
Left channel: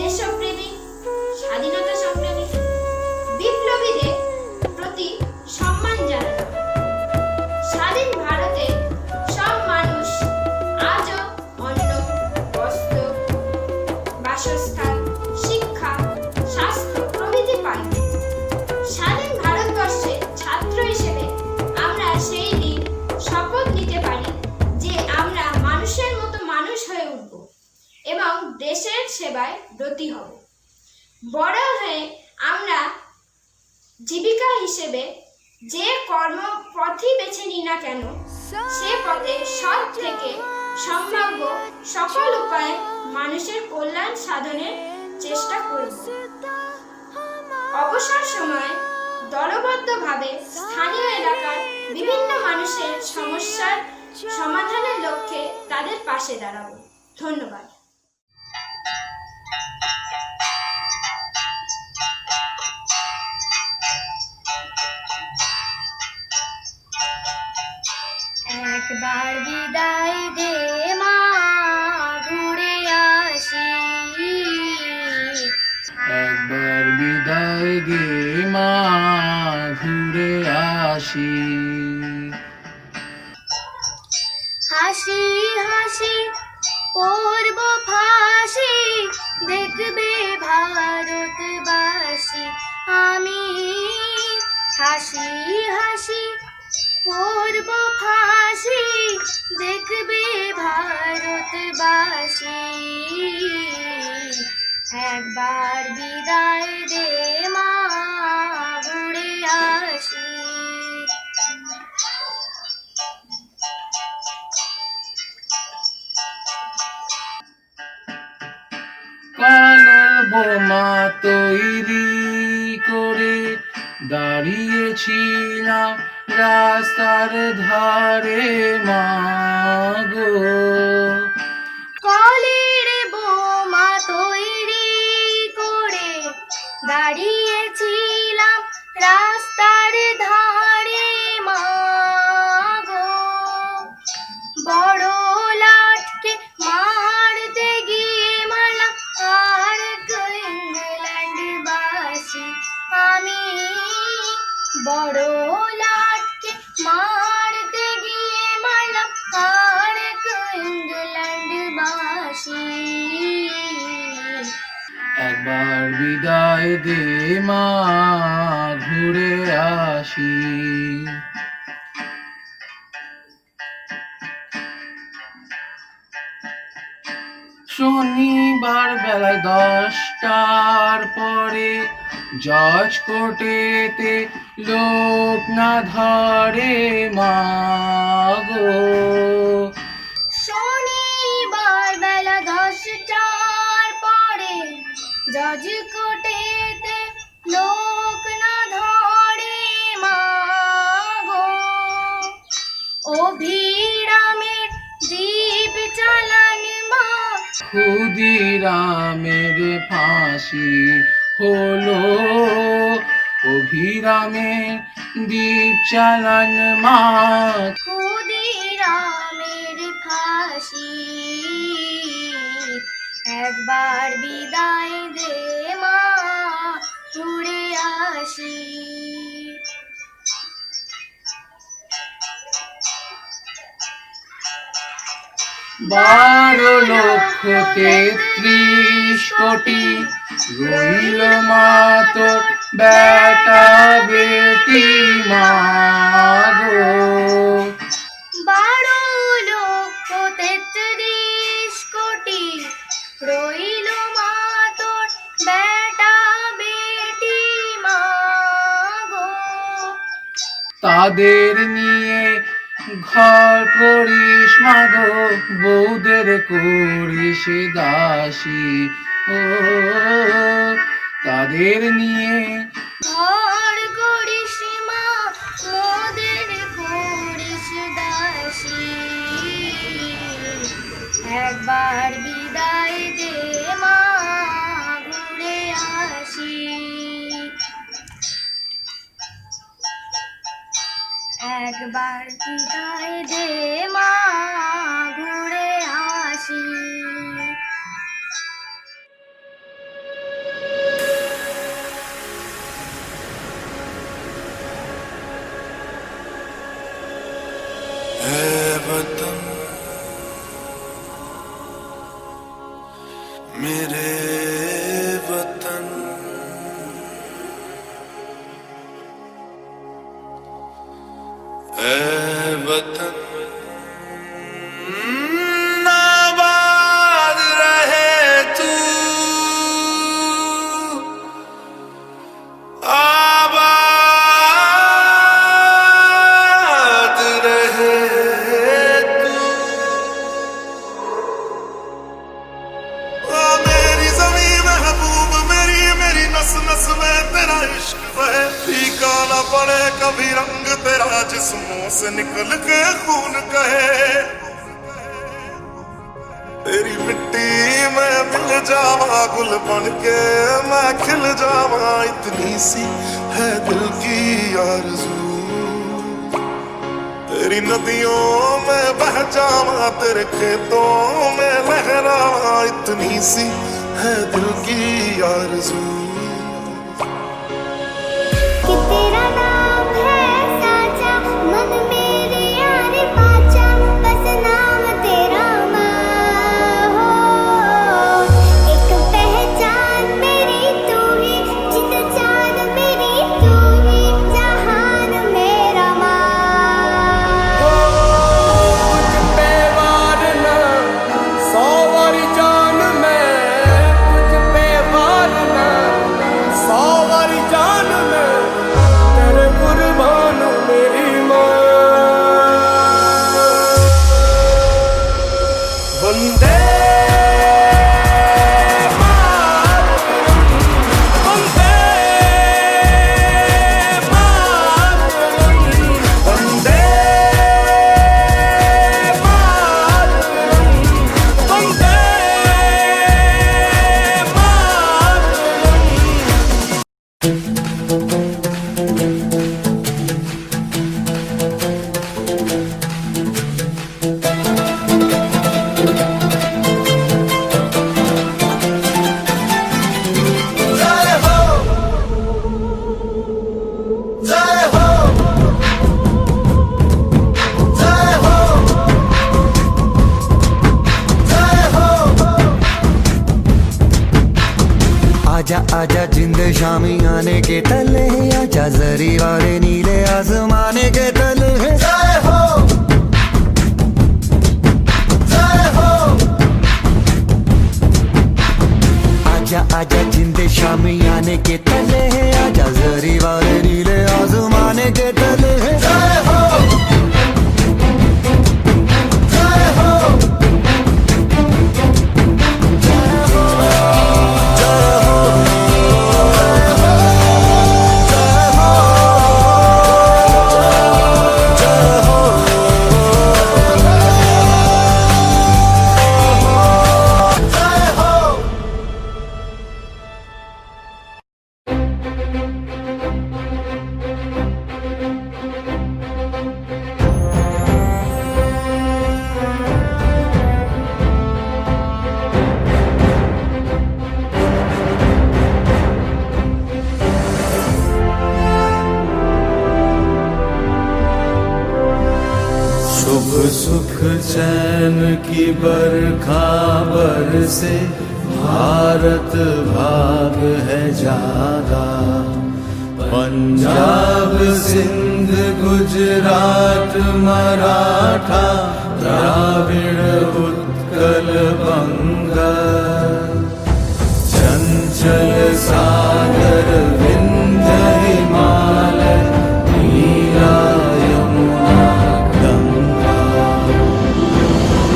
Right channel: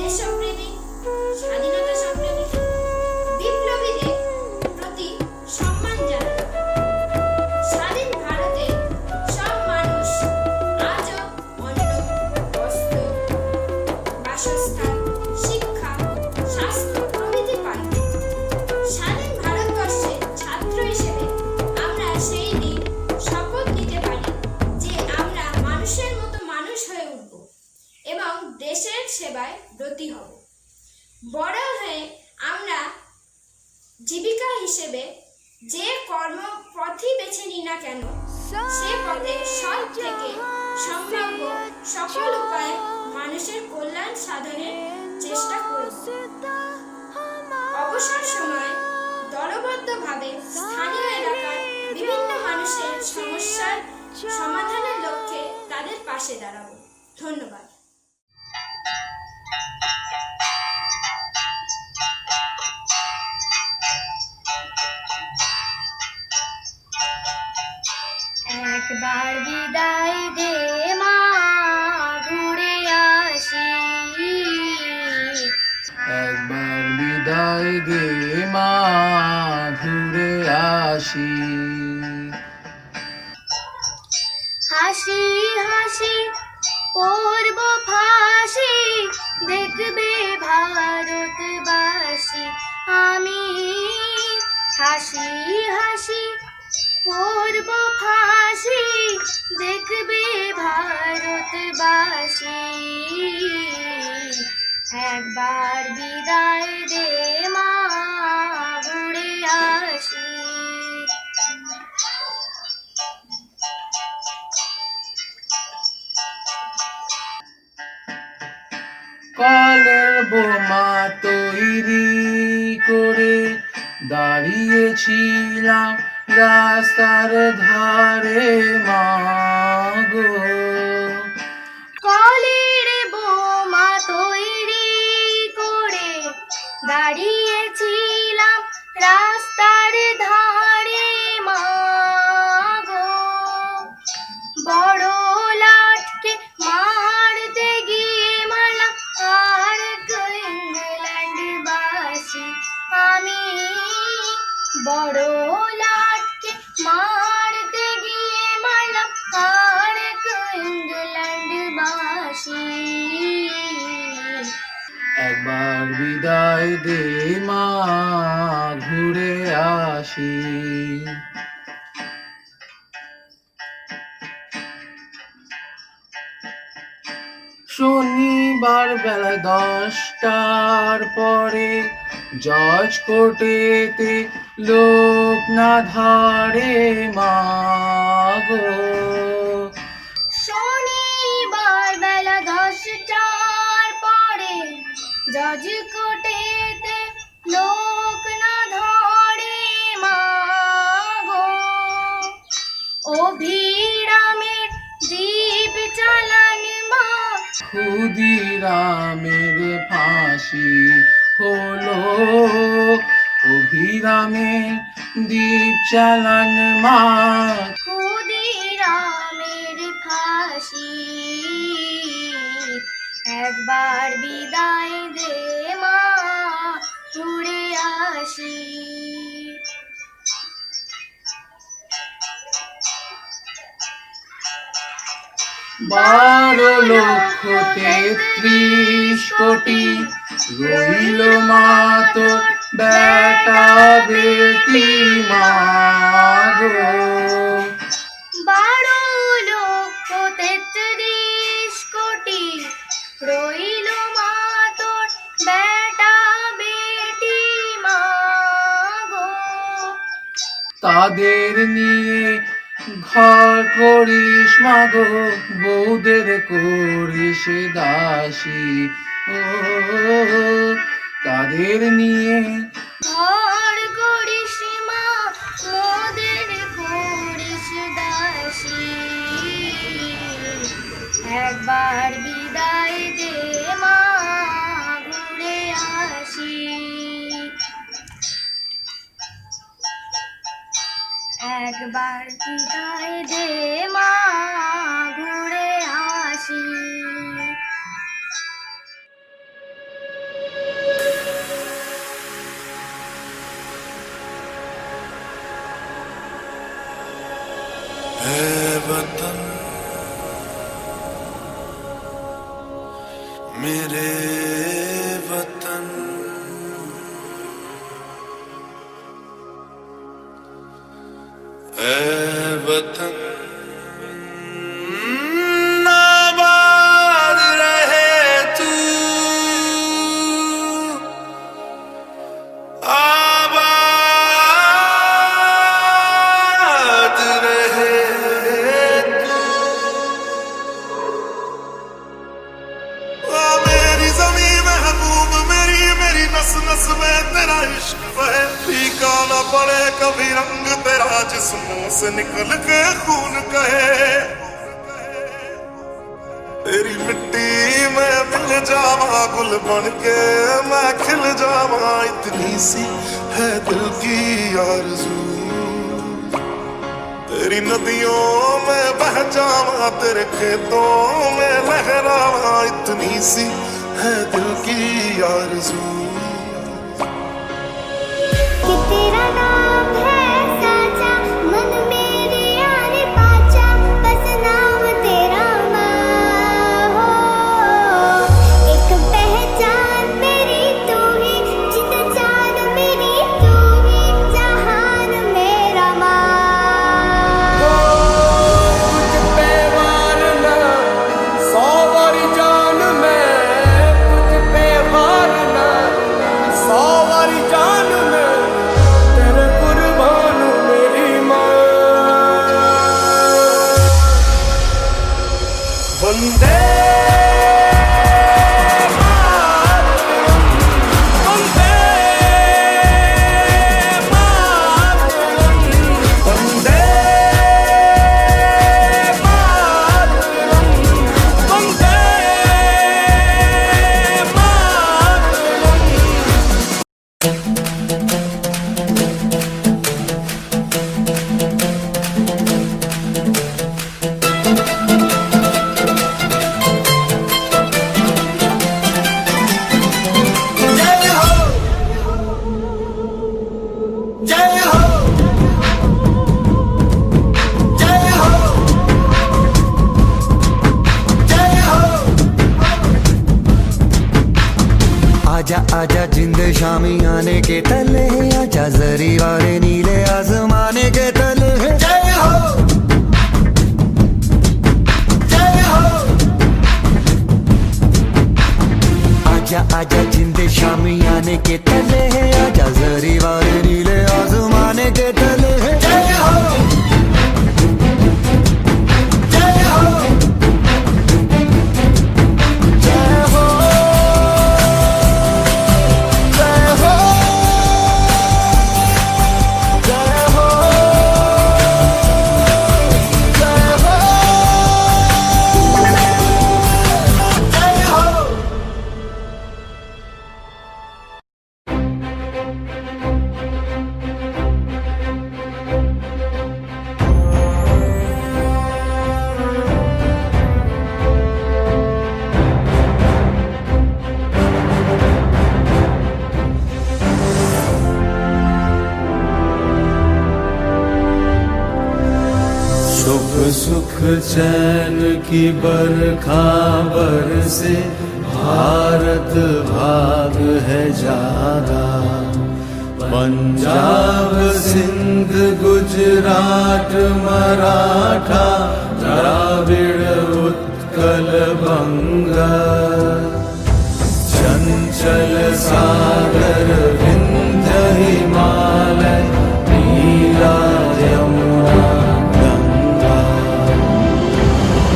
দেশপ্রেমী, স্বাধীনতা সংগ্রামী, বিপ্লবীদের প্রতি সম্মান জানানো হয়। স্বাধীন ভারতে সব মানুষ আজও অন্ন, বস্ত্র, বাসস্থান, শিক্ষা, স্বাস্থ্য প্রভৃতি পায়। স্বাধীন ভারতবর্ষে ছাত্র হিসেবে আমরা সেই দিন শপথ নিতে পারি যে আমরা মানুষের মতো মানুষ হয়ে উঠব এবং দেশের সেবায় ব্রতী হব। বড় হয়ে আমরা জীবিকা হিসেবে যে কর্মপথই বেছে নিই না কেন, সে পথে সৎ থেকে সম্ভাব্য সকল উপায়ে মানুষের কল্যাণ সাধনের চেষ্টা করব। অবসর সময় দলবদ্ধভাবে স্থানীয় এলাকার বিভিন্ন মানুষের সমস্যার সমাধানের লক্ষ্যে তাদের পাশে দাঁড়াবো। ধন্যবাদ। একবার বিদায় দে মা, ঘুরে আসি। একবার বিদায় দে মা, ঘুরে আসি। হাসি হাসি পড়ব ফাঁসি, দেখবে ভারতবাসী আমি। হাসি হাসি পড়ব ফাঁসি, দেখবে ভারতবাসী। একবার বিদায় দে মা, ঘুরে আসি। কালের বোমা তৈরি করে দাঁড়িয়েছিলাম রাস্তার ধারে মাগো। কলের বোমা তৈরি করে দাঁড়িয়েছিলাম রাস্তার ধারে মাগো। বড় লাটকে মারতে গিয়ে মারলাম আর ইংল্যান্ডবাসী আমি। বড় লাটকে মারতে গিয়ে মারলাম আর ইংল্যান্ডবাসী। একবার বিদায় দে মা, ঘুরে আসি। শনিবার বেলা 10টার পরে জজ কোর্টেতে লোক না ধরে মাগো। শনিবার বেলা 10টার পরে জজ কোর্টেতে লোক না ধরে মাগো। অভিরামের দ্বীপ চালান মা, ক্ষুদিরামের ফাঁসি হলো। অভিরামের দ্বীপ চালান মা, ক্ষুদিরামের ফাঁসি। একবার বিদায় দে মা, ঘুরে আসি। বারো লক্ষ 33 কোটি রইল মা তোর বেটা বেটি মা গো। 12,33,00,000,000 রইল মা তোর বেটা বেটি মা গো। তাদের নিয়ে ঘর করিস মাগো, বউদের করিস দাসী। ও তাদের নিয়ে ঘর করিস মা, মোদের করিস দাসী। একবার বিদায় দে মা, ঘুরে আসি। একবার বিদায় দে মা, ঘুরে আসি। है वतन मेरे वतन, है वतन आबाद रहे तू, आबाद रहे तू। मेरी ज़मीं महबूब मेरी, मेरी नस नस में तेरा इश्क बहे, फीका न पड़े कभी रंग तेरा जिस्मों से निकल के खून कहे। तेरी मिट्टी में मिल जावा गुल बन के मैं खिल जावा, इतनी सी है दिल की आरज़ू। तेरी नदियों में बह जावा, तेरे खेतों में लहरावा, इतनी सी है दिल की आरज़ू। कि तेरा नाम है साचा, मन मेरे यार पाचा, बस नाम तेरा माँ हो। एक पहचान मेरी तू ही, जित जान मेरी तू ही, जहान मेरा माँ। कुछ पे वारना 100 वारी जान में, कुछ पे वारना 100 वारी जान में, तेरे कुर्बान मेरी माँ। वंदे मातरम, वंदे मातरम, वंदे मातरम, वंदे आजा आजा जिंद शामी आने के तले, आजा जरी वाले नीले आसमाने के तले। आजा आजा जिंद शामी आने के तले, आजा जरी वाले नीले आसमाने के तले। शुभ सुख चैन की बरखा बरसे, भारत भाग है जागा, पंजाब सिंध गुजरात मराठा, द्राविड़ उत्कल बंगा, चंचल सागर विंध्य हिमालय, नीला यमुना गंगा,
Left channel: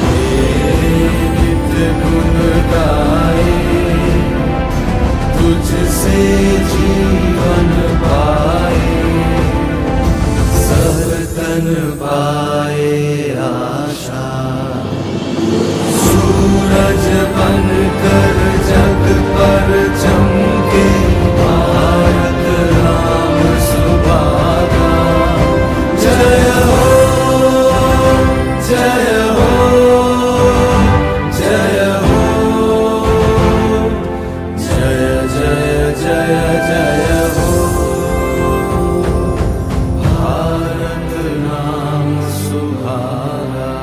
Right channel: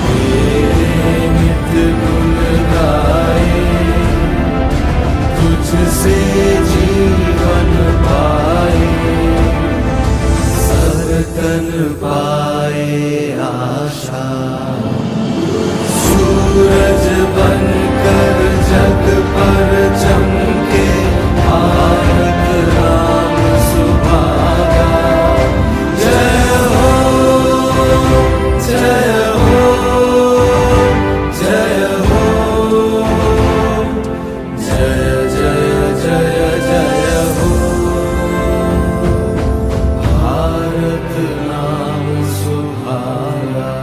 तेरे नित गुण गाए, तुझसे जीवन पाए, हर तन पाए आशा, सूरज बनकर जग पर चमके, भारत नाम सुभागा। जय हो जय हो जय हो, जय जय जय जय हो, भारत नाम सुभागा।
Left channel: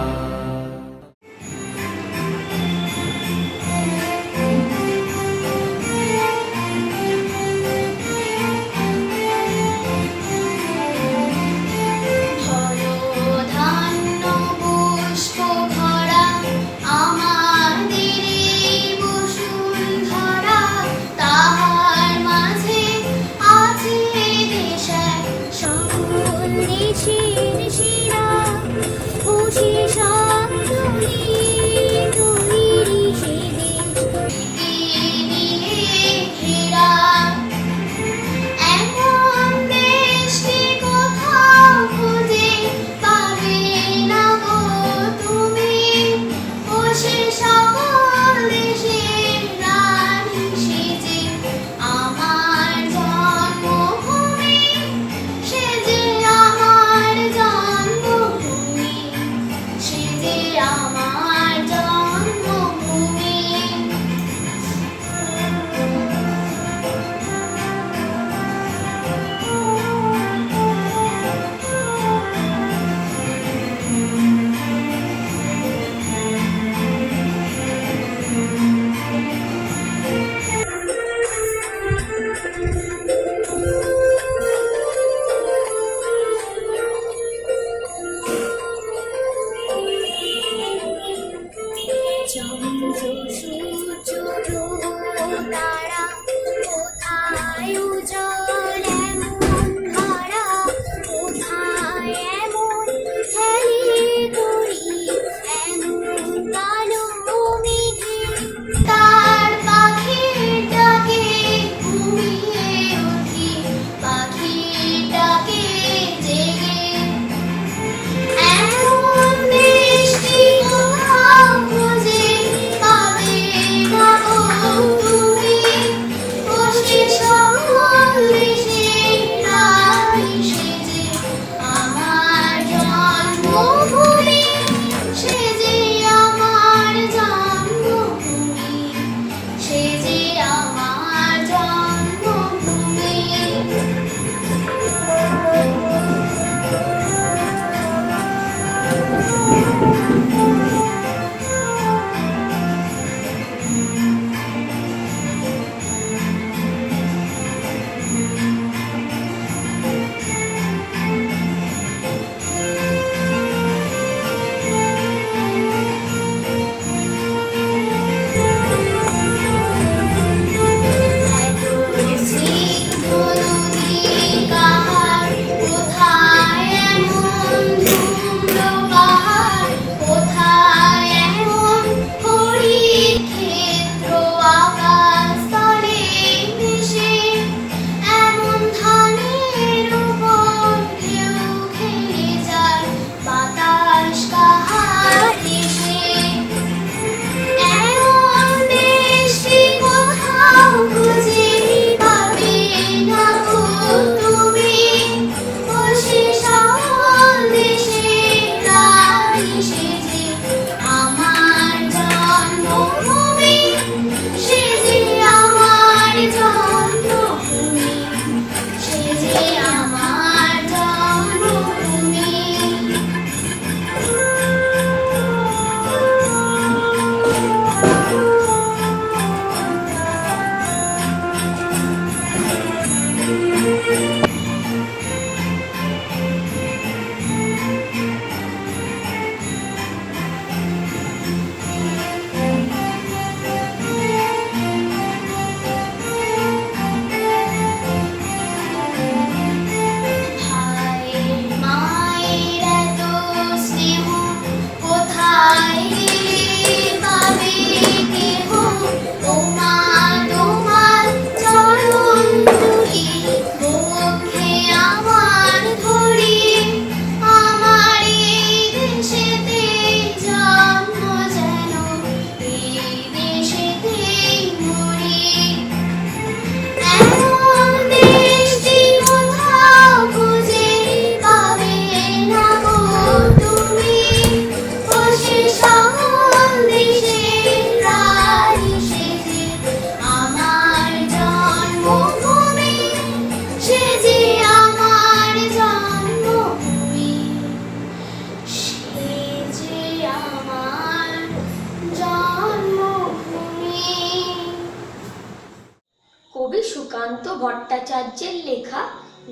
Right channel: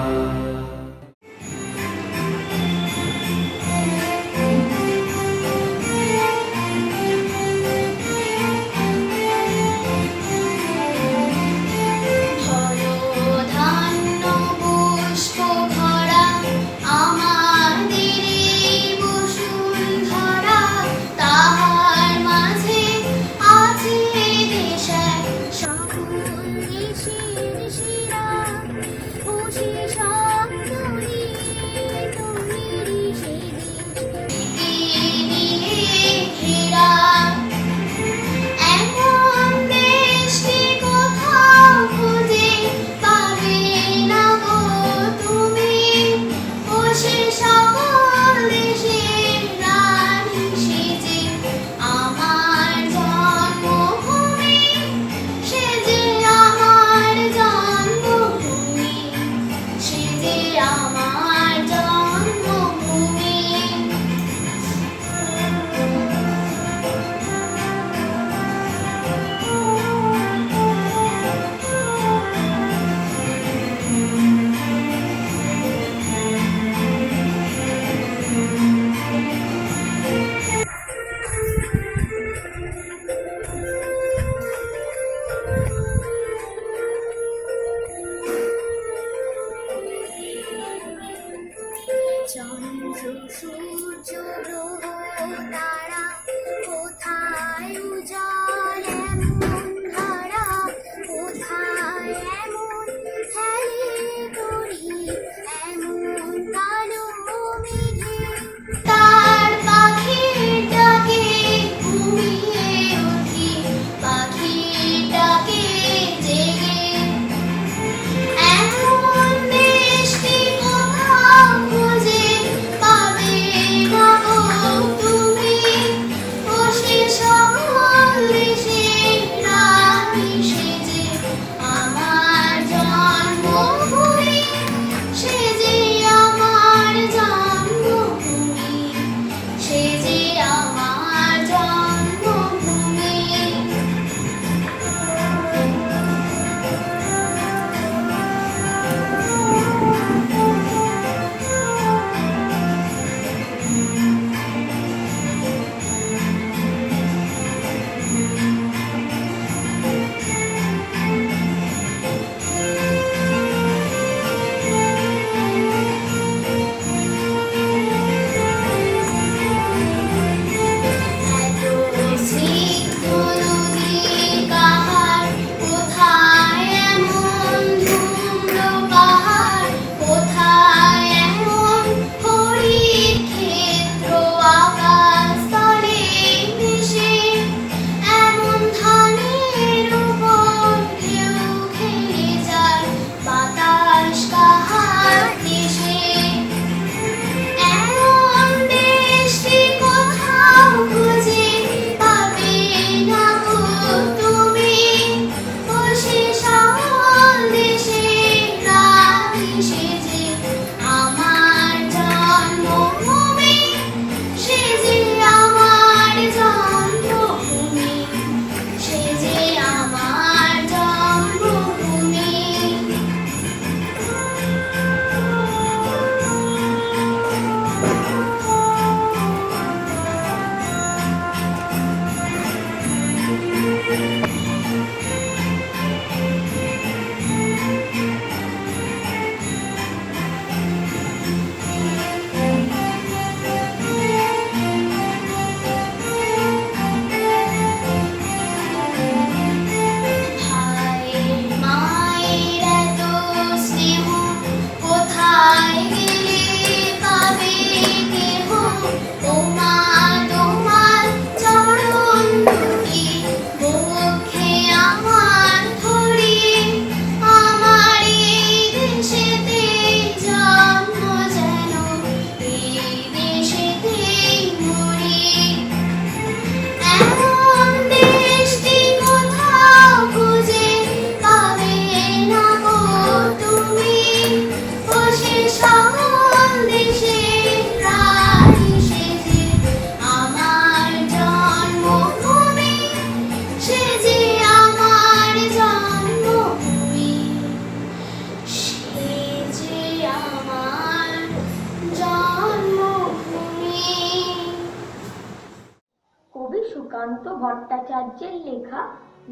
ভট্টাচার্যের লেখা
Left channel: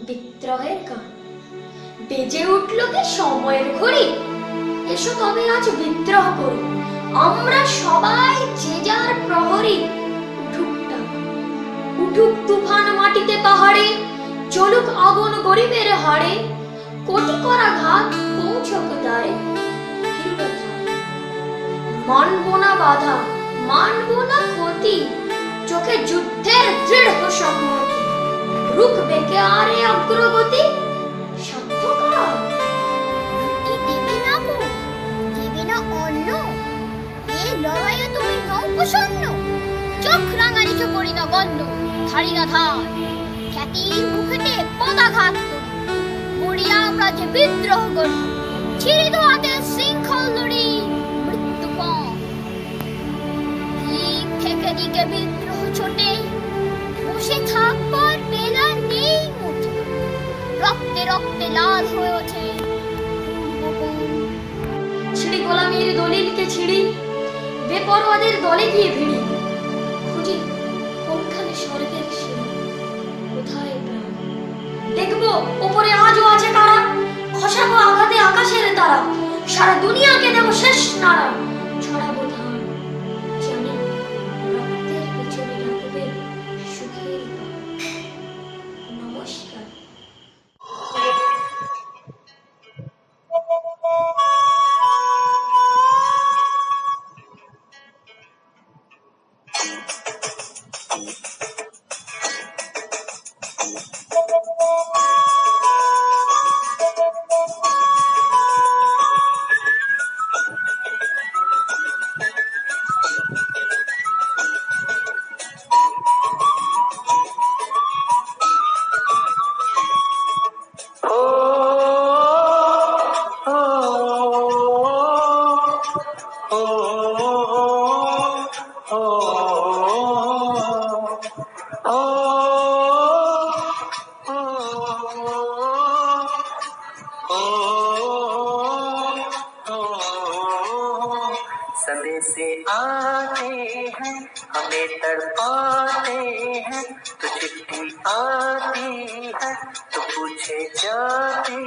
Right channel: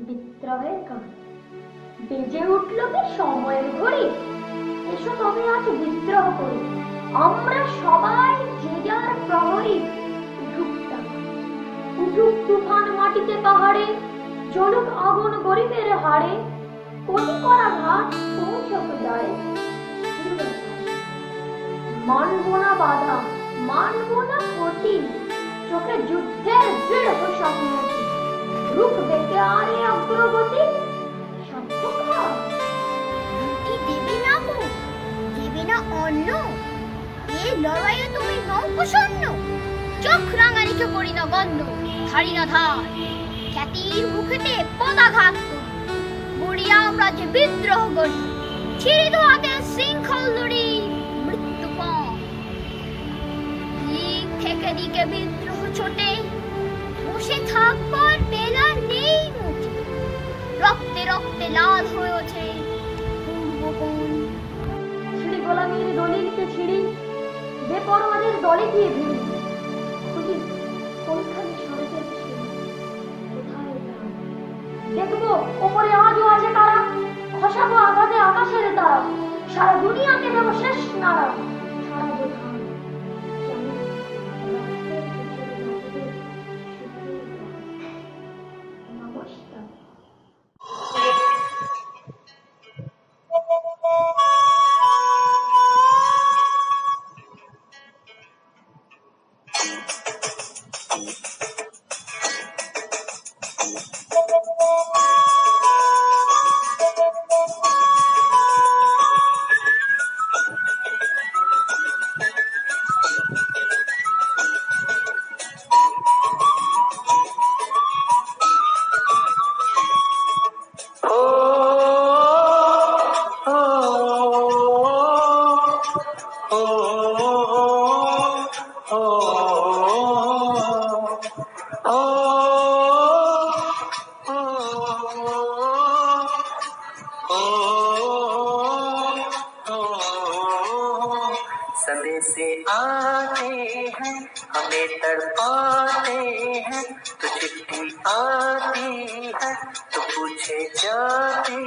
বিদ্রোহের গান। বেজে উঠল কি সময়ের ঘড়ি, এসো তবে আজ বিদ্রোহ করি, আমরা সবাই যে যার প্রহরী। উঠুক তুফান মাটিতে পাহাড়ে, চলুক আগুন গরিবের হাড়ে, কোটি করা ঘাত পৌঁছক দায়ে। মানব না বাধা, মানব না ক্ষতি, চোখে যুদ্ধের দৃঢ় সংহতি, রুখবে কে আর এই অগ্রগতি? দেবে না গো, দেবে না অন্ন, এই লড়াইয়ে তুমি নও প্রসন্ন। চোখ রাঙানিছ করি না গন্ধ, ধারি না ধার, খ্যাতির মুখেতে পদাঘাত করি, গড়িয়া আমরা যে বিদ্রোহ করি, ছিঁড়ে দো হাতে শৃঙ্খল দড়ি, মৃত্যুপণ। দিক থেকে দিকে বিদ্রোহ ছোটে, বসে থাকবার বেলা নেই মুঠে, রক্তে রক্তে লাল হয়ে ওঠে পূর্বপণ। ছিঁড়ি গোলামীর দলিলকে ছিঁড়ি, বেপরোয়াদের দলে গিয়ে ভিড়ি, খুঁজি কোনখানে স্বর্গের সিঁড়ি, কোথায় প্রাণ? দেখবো ওপরে আজও আছে তারা, খসাবো আঘাতে আকাশের তারা, সারা দুনিয়াকে দেব শেষ নাড়া। ছড়াবো ধান, চিনি, রক্তের পিছনে রাখবে সুখের গান। নমস্কার। संदेशे आते हैं हमें तड़पाते हैं, तो चिट्ठी आती है तो पूछे जाती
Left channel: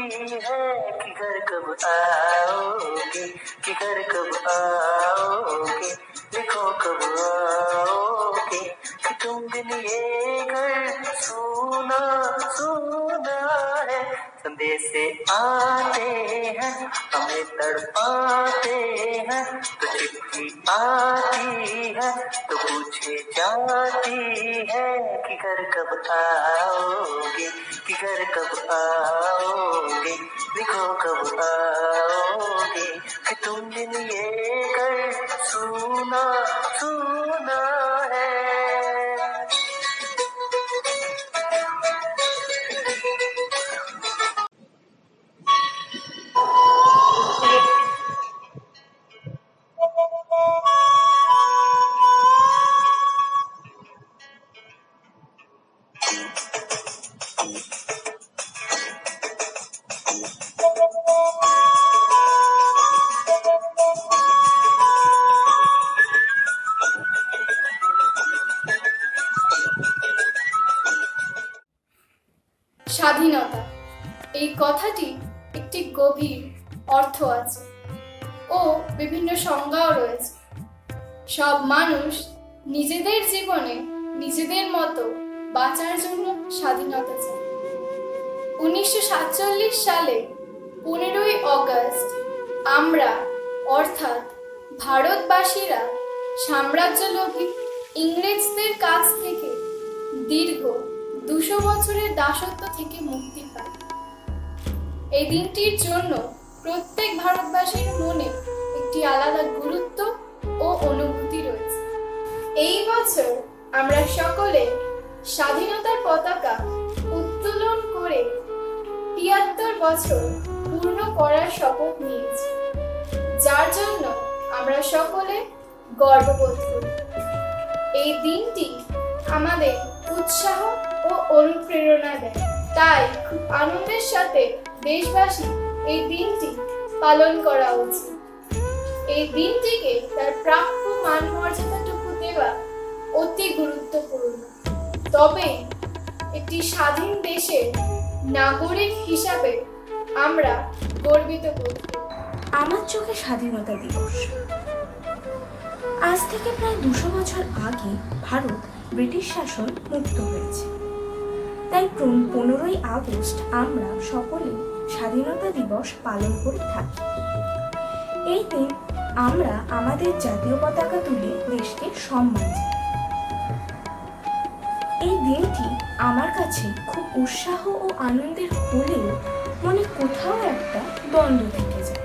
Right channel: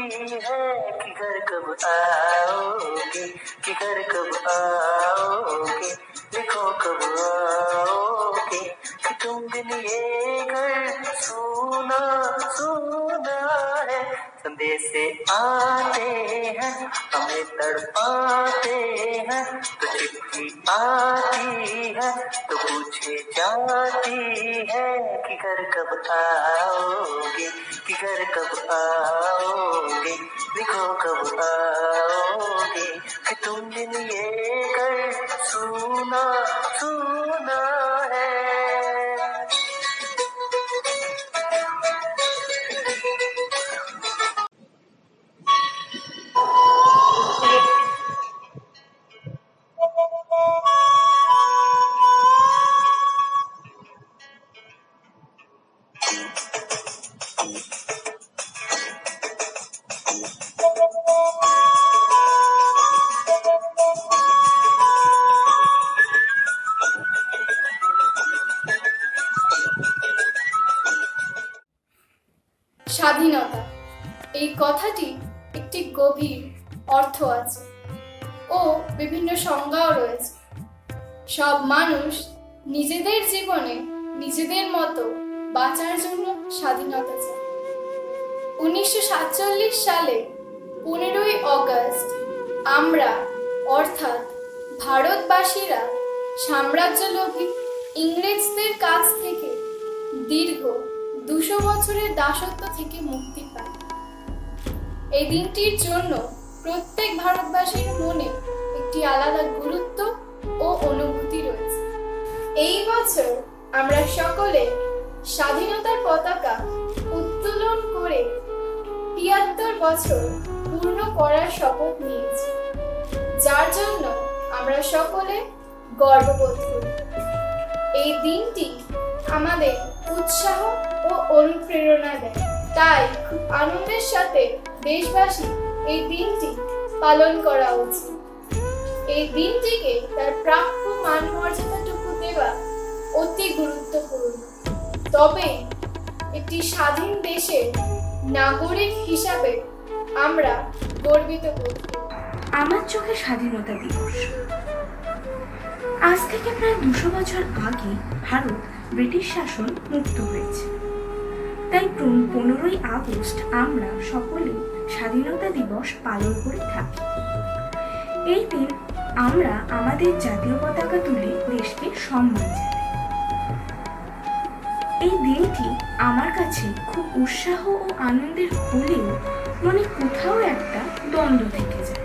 है कि घर कब आओगे, कि घर कब आओगे, लिखो कब आओगे, कि तुम बिन ये घर सुना सुना है। संदेशे आते हैं हमें तड़पाते हैं, तो चिट्ठी आती है तो पूछे जाती है कि घर कब आओगे, कि घर कब आओगे, लिखो कब आओगे, कि तुम बिन ये घर सुना सुना है। স্বাধীনতা এই কথাটি একটি গভীর অর্থ আছে ও বিভিন্ন সংজ্ঞাও রয়েছে। সব মানুষ নিজেদের জীবনে নিজেদের মতো বাঁচার জন্য স্বাধীনতা চায়। 1947 সালে 15ই অগস্ট আমরা অর্থাৎ ভারতবাসীরা সাম্রাজ্যলোভী ইংরেজদের কাছ থেকে দীর্ঘ 200 বছরের দাসত্ব থেকে মুক্তি পাই। এই দিনটির জন্য প্রত্যেক ভারতবাসীর মনে একটি আলাদা গুরুত্ব ও অনুভূতি রয়েছে। এই বছর আমরা সকলে স্বাধীনতার পতাকা উত্তোলন করে ৭৩ বছর পূর্ণ করার শপথ নিয়েছি, যার জন্য আমরা সকলে গর্ববোধ করি। এই দিনটি আমাদের উৎসাহ ও অনুপ্রেরণা দেয়, তাই খুব আনন্দের সাথে দেশবাসী এই দিনটি পালন করা উচিত। এই দিনটিকে তার প্রাপ্য মান মর্যাদাটুকু দেওয়া অতি গুরুত্বপূর্ণ, তবে একটি স্বাধীন দেশের নাগরিক হিসাবে আমরা গর্বিত করি। আমার চোখে স্বাধীনতা দিবস। আজ থেকে প্রায় 200 বছর আগে ভারত ব্রিটিশ শাসন মুক্ত হয়েছে। তাই 15ই আগস্ট আমরা সকলে স্বাধীনতা দিবস পালন করে থাকি। এই দিন আমরা আমাদের জাতীয় পতাকা তুলে দেশকে সম্মান জানাই। এই দিনটি আমার কাছে খুব উৎসাহ ও আনন্দের হলেও মনে কোথাও একটা দ্বন্দ্ব থেকে যায়।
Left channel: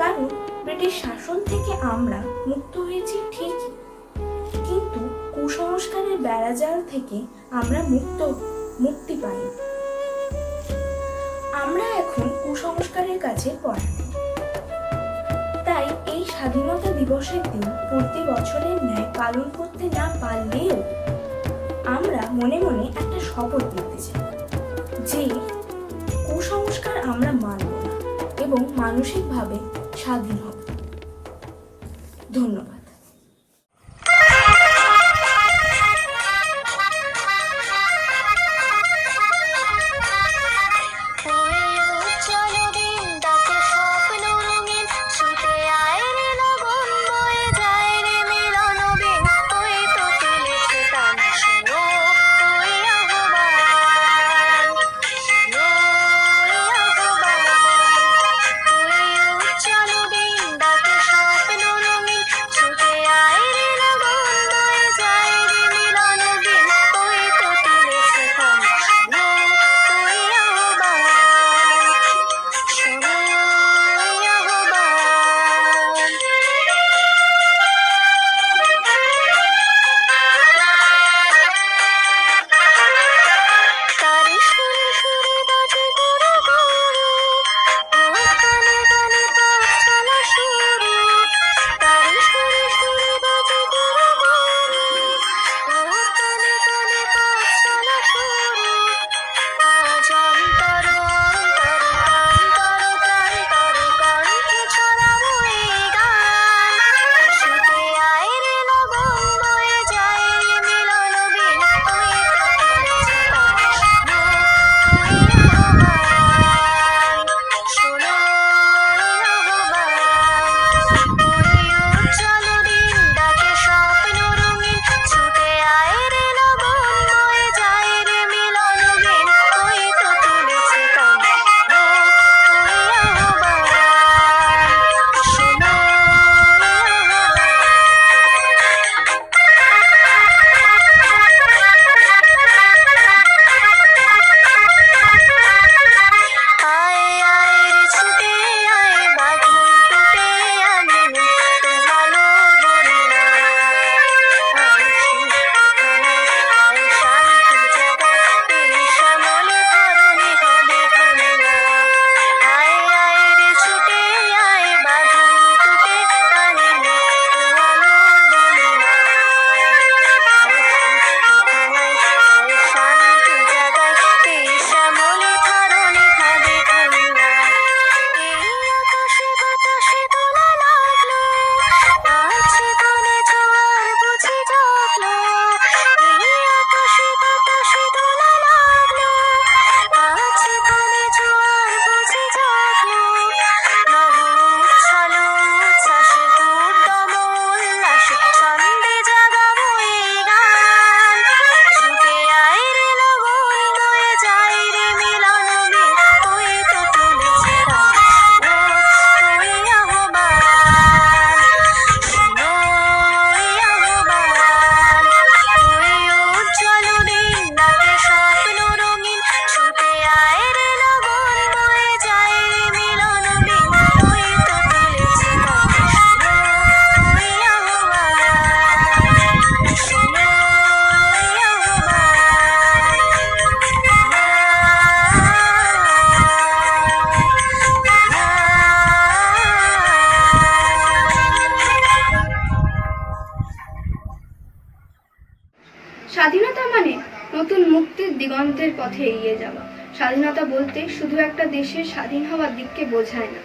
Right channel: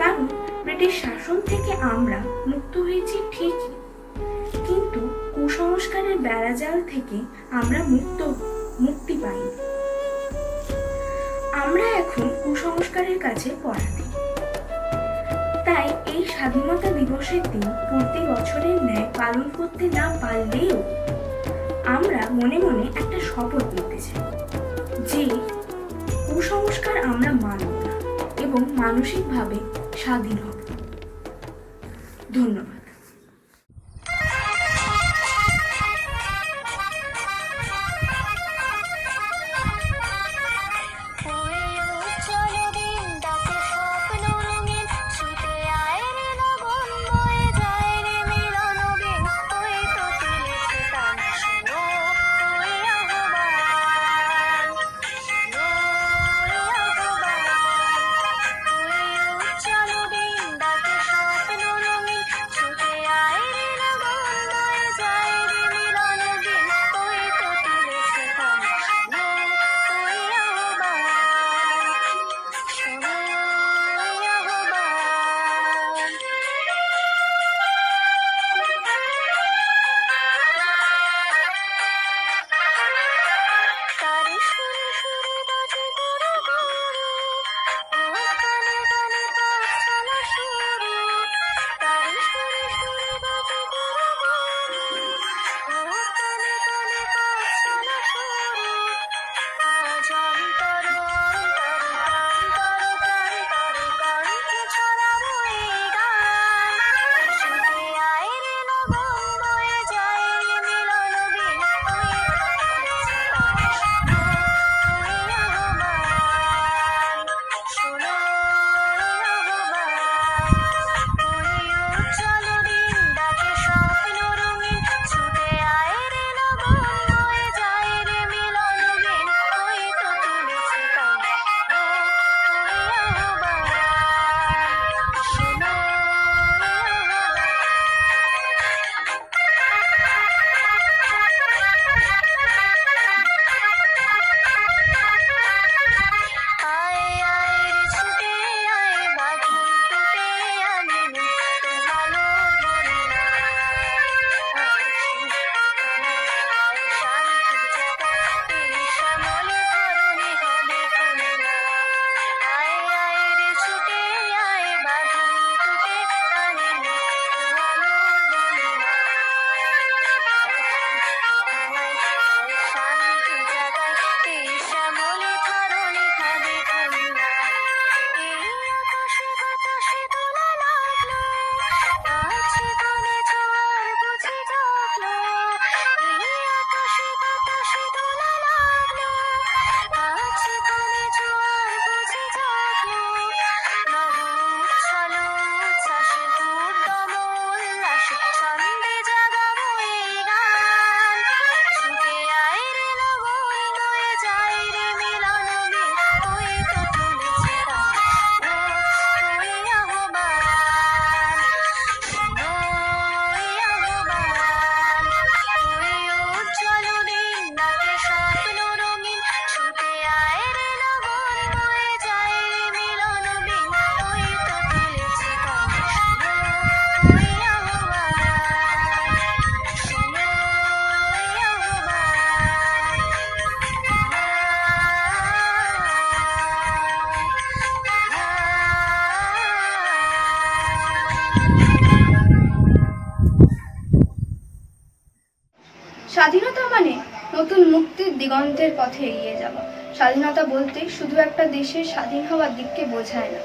কারণ ব্রিটিশ শাসন থেকে আমরা মুক্ত হয়েছি ঠিকই, কিন্তু কুসংস্কারের বেড়াজাল থেকে আমরা মুক্তি পাই। আমরা এখন কুসংস্কারের কাছে পরাধীন। তাই এই স্বাধীনতা দিবসের দিন প্রতি বছরের ন্যায় পালন করতে না পারলেও আমরা মনে মনে একটা শপথ নিতে চাই যে কুসংস্কার আমরা মানব না এবং মানসিকভাবে স্বাধীন হব। ধন্যবাদ। স্বাধীনতা মানে নতুন মুক্তির দিগন্তের পথে এগিয়ে যাওয়া। স্বাধীনতা বলতে শুধু একটা দেশের স্বাধীন হওয়ার দিককে বোঝায় না,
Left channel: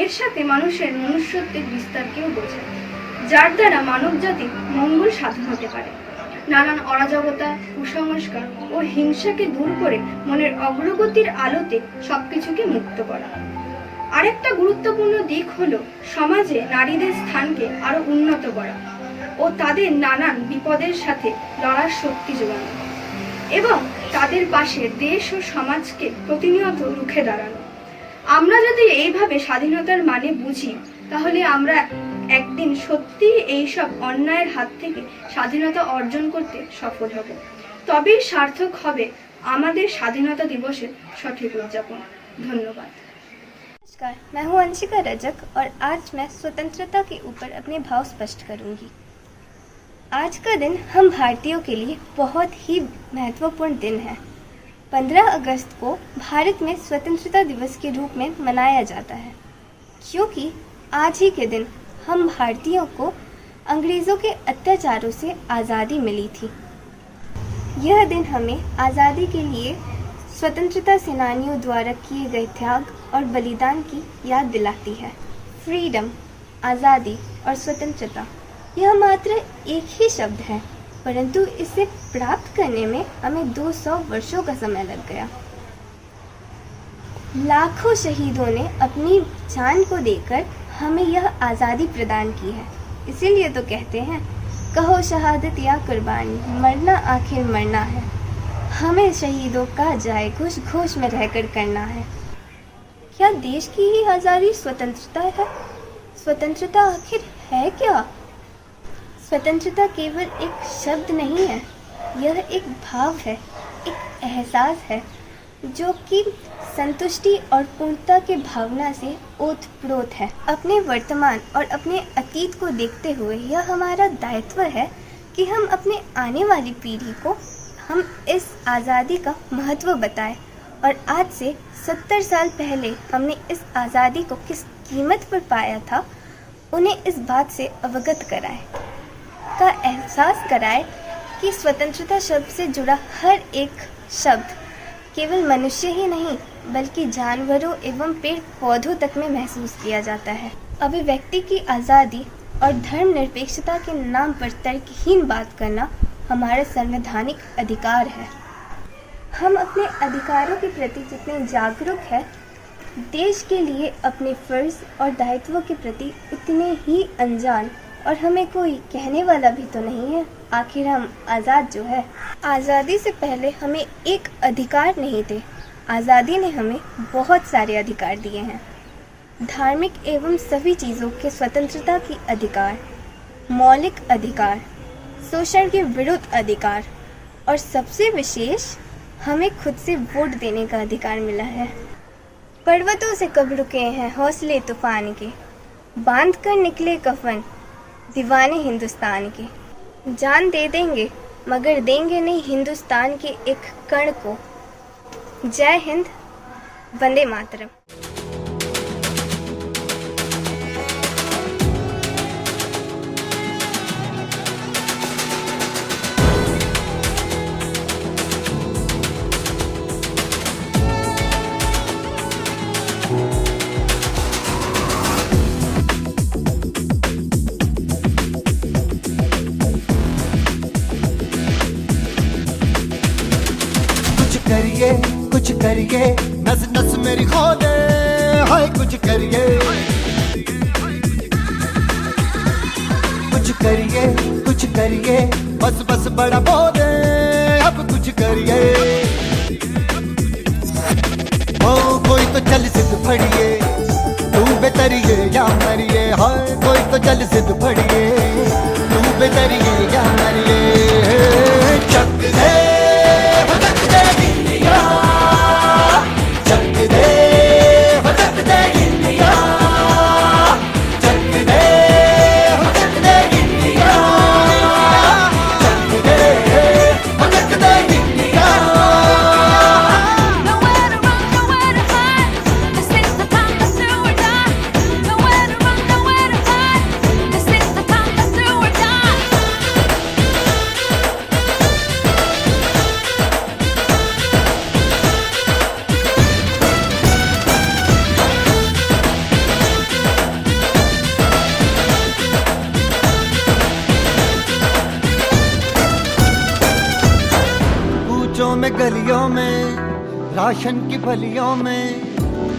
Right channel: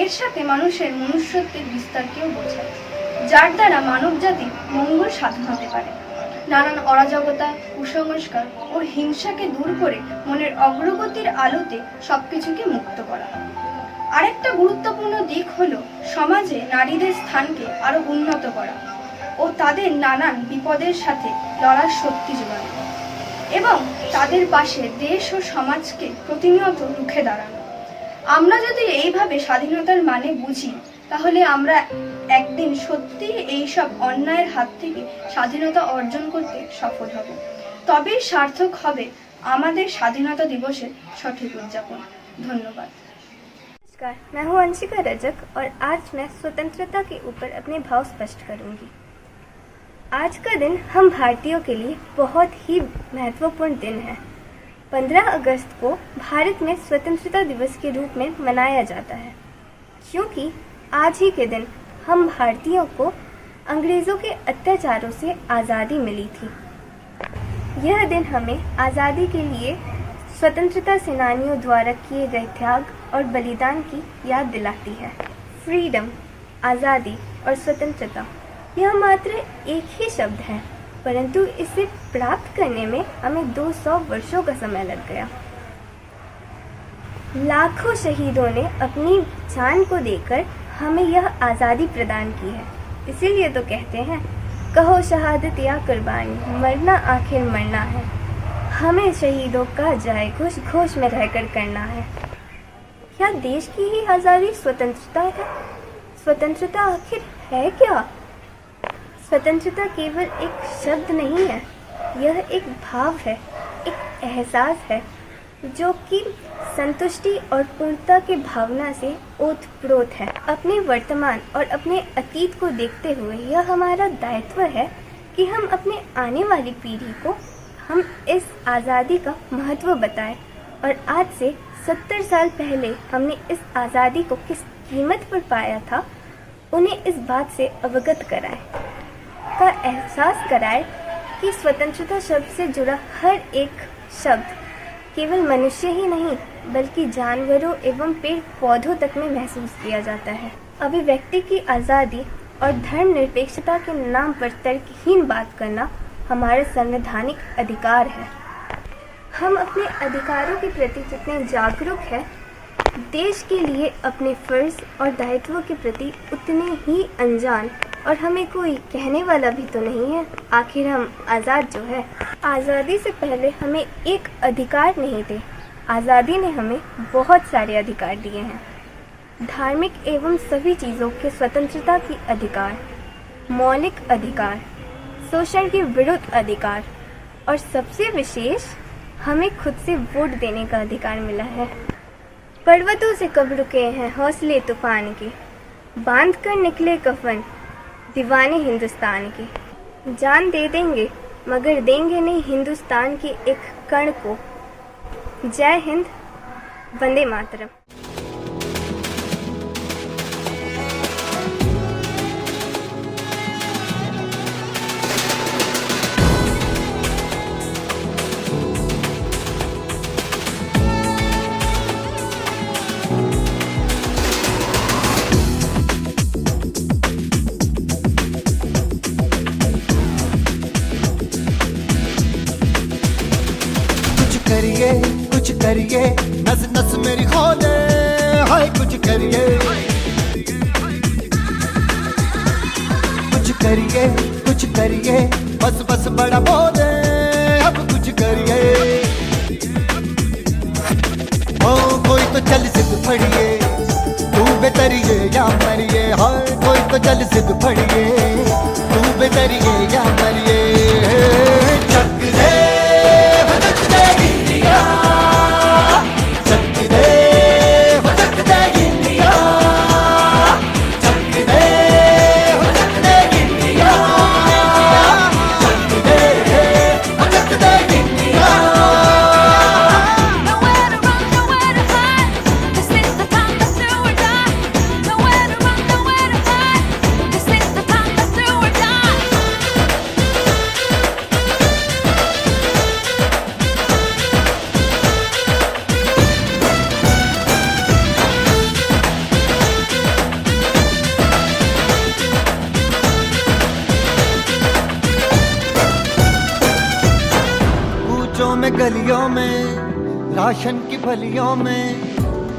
এর সাথে মানুষের মনুষ্যত্বের বিস্তারকেও বোঝায়, যার দ্বারা মানব জাতির মঙ্গল সাধন হতে পারে। নানান অরাজকতা, কুসংস্কার ও হিংসাকে দূর করে মনের অগ্রগতির আলোতে সবকিছুকে মুক্ত করা। আরেকটা গুরুত্বপূর্ণ দিক হলো সমাজে নারীদের স্থানকে আরো উন্নত করা ও তাদের নানান বিপদের সাথে লড়ার শক্তি যোগানো এবং তাদের পাশে দেশ ও সমাজকে প্রতিনিয়ত রুখে দাঁড়ানো। আমরা যদি এইভাবে স্বাধীনতার মানে বুঝি, তাহলে আমরা একদিন সত্যি এইসব অন্যায়ের হাত থেকে স্বাধীনতা অর্জন করতে সফল হব। তবেই সার্থক হবে আমাদের স্বাধীনতা দিবসের সঠিক উদযাপন। ধন্যবাদ। नमस्कार, मैं हूं अंशिका रजक और आज मैं स्वतंत्रता के ऊपर अपने भाव स्पष्ट करूंगी। आज का दिन हम भारतीयों के लिए बहुत ही महत्वपूर्ण दिन है। 15 अगस्त को भारत में स्वतंत्रता दिवस के रूप में मनाया जाता है, क्योंकि आज ही के दिन हम भारतीयों को अंग्रेज़ों के अत्याचारों से आज़ादी मिली थी। यह दिन हमें आज़ादी के लिए स्वतंत्रता सेनानियों द्वारा किए गए त्याग और बलिदान की याद दिलाती है। फ्रीडम, आज़ादी और स्वतंत्रता यह मात्र एक ही शब्द है, परंतु इसे प्राप्त करने में हमें 200 वर्षों का समय लग गया। लाखों शहीदों ने अपनी जान को देकर हमें यह आज़ादी प्रदान की है। इसीलिए तो कहते हैं, कहो शहादत या कुर्बानी, मरना आखिर मरना है। हमें शहीदों का जाए घोष घोष में रहकर करना है। क्या देश की ही आज़ादी स्वतंत्रता है? स्वतंत्रता आखिर है क्या? स्वतंत्रता केवल एक शब्द नहीं है, यह एक भाव है, एक एहसास है जो कि संतुष्टि और पूर्णता के भावना से ओतप्रोत है। अपने वर्तमान और अपने अतीत को देखते हुए यह हमारा दायित्व है कि हम अपने आने वाली पीढ़ी को हम इस आज़ादी का महत्व बताएं और आज से 70 साल पहले हमने इस आज़ादी को किस कीमत पर पाया था, उन्हें इस बात से अवगत कराएं, का एहसास कराएं कि स्वतंत्रता शब्द से जुड़ा हर एक शब्द केवल मनुष्य ही नहीं बल्कि जानवरों एवं पेड़ पौधों तक में महसूस किया जाता है। अभिव्यक्ति की आज़ादी और धर्मनिरपेक्षता के नाम पर तर्कहीन बात करना हमारा संवैधानिक अधिकार है। हम अपने अधिकारों के प्रति जितने जागरूक हैं, देश के लिए अपने फ़र्ज़ और दायित्वों के प्रति उतने ही अनजान, और हमें कोई कहने वाला भी तो नहीं है। आखिर हम आज़ाद जो है, आज़ादी से पहले हमें एक अधिकार नहीं थे, आज़ादी ने हमें बहुत सारे अधिकार दिए हैं। धार्मिक एवं सभी चीज़ों के स्वतंत्रता की अधिकार, मौलिक अधिकार, शोषण के विरुद्ध अधिकार, और सबसे विशेष हमें खुद से वोट देने का अधिकार मिला है। पर्वतों से कब रुके हैं हौसले तूफान के, बांध कर निकले कफन दीवाने हिंदुस्तान के। जान दे देंगे मगर देंगे नहीं हिंदुस्तान के एक कण को। जय हिंद, वंदे मातरम। कुछ करिए नस नस मेरी खोले, हाय कुछ करिए, कुछ करिए बस बस बड़ा बोले, अब कुछ करिए। ओ कोई तो चल सिद्ध फड़िए, तू बेतरिए या मरिए, हाय कोई तो चल सिद्ध फड़िए, तू बेतरिए या मरिए। चक दे में गलियों में, राशन की फलियों में,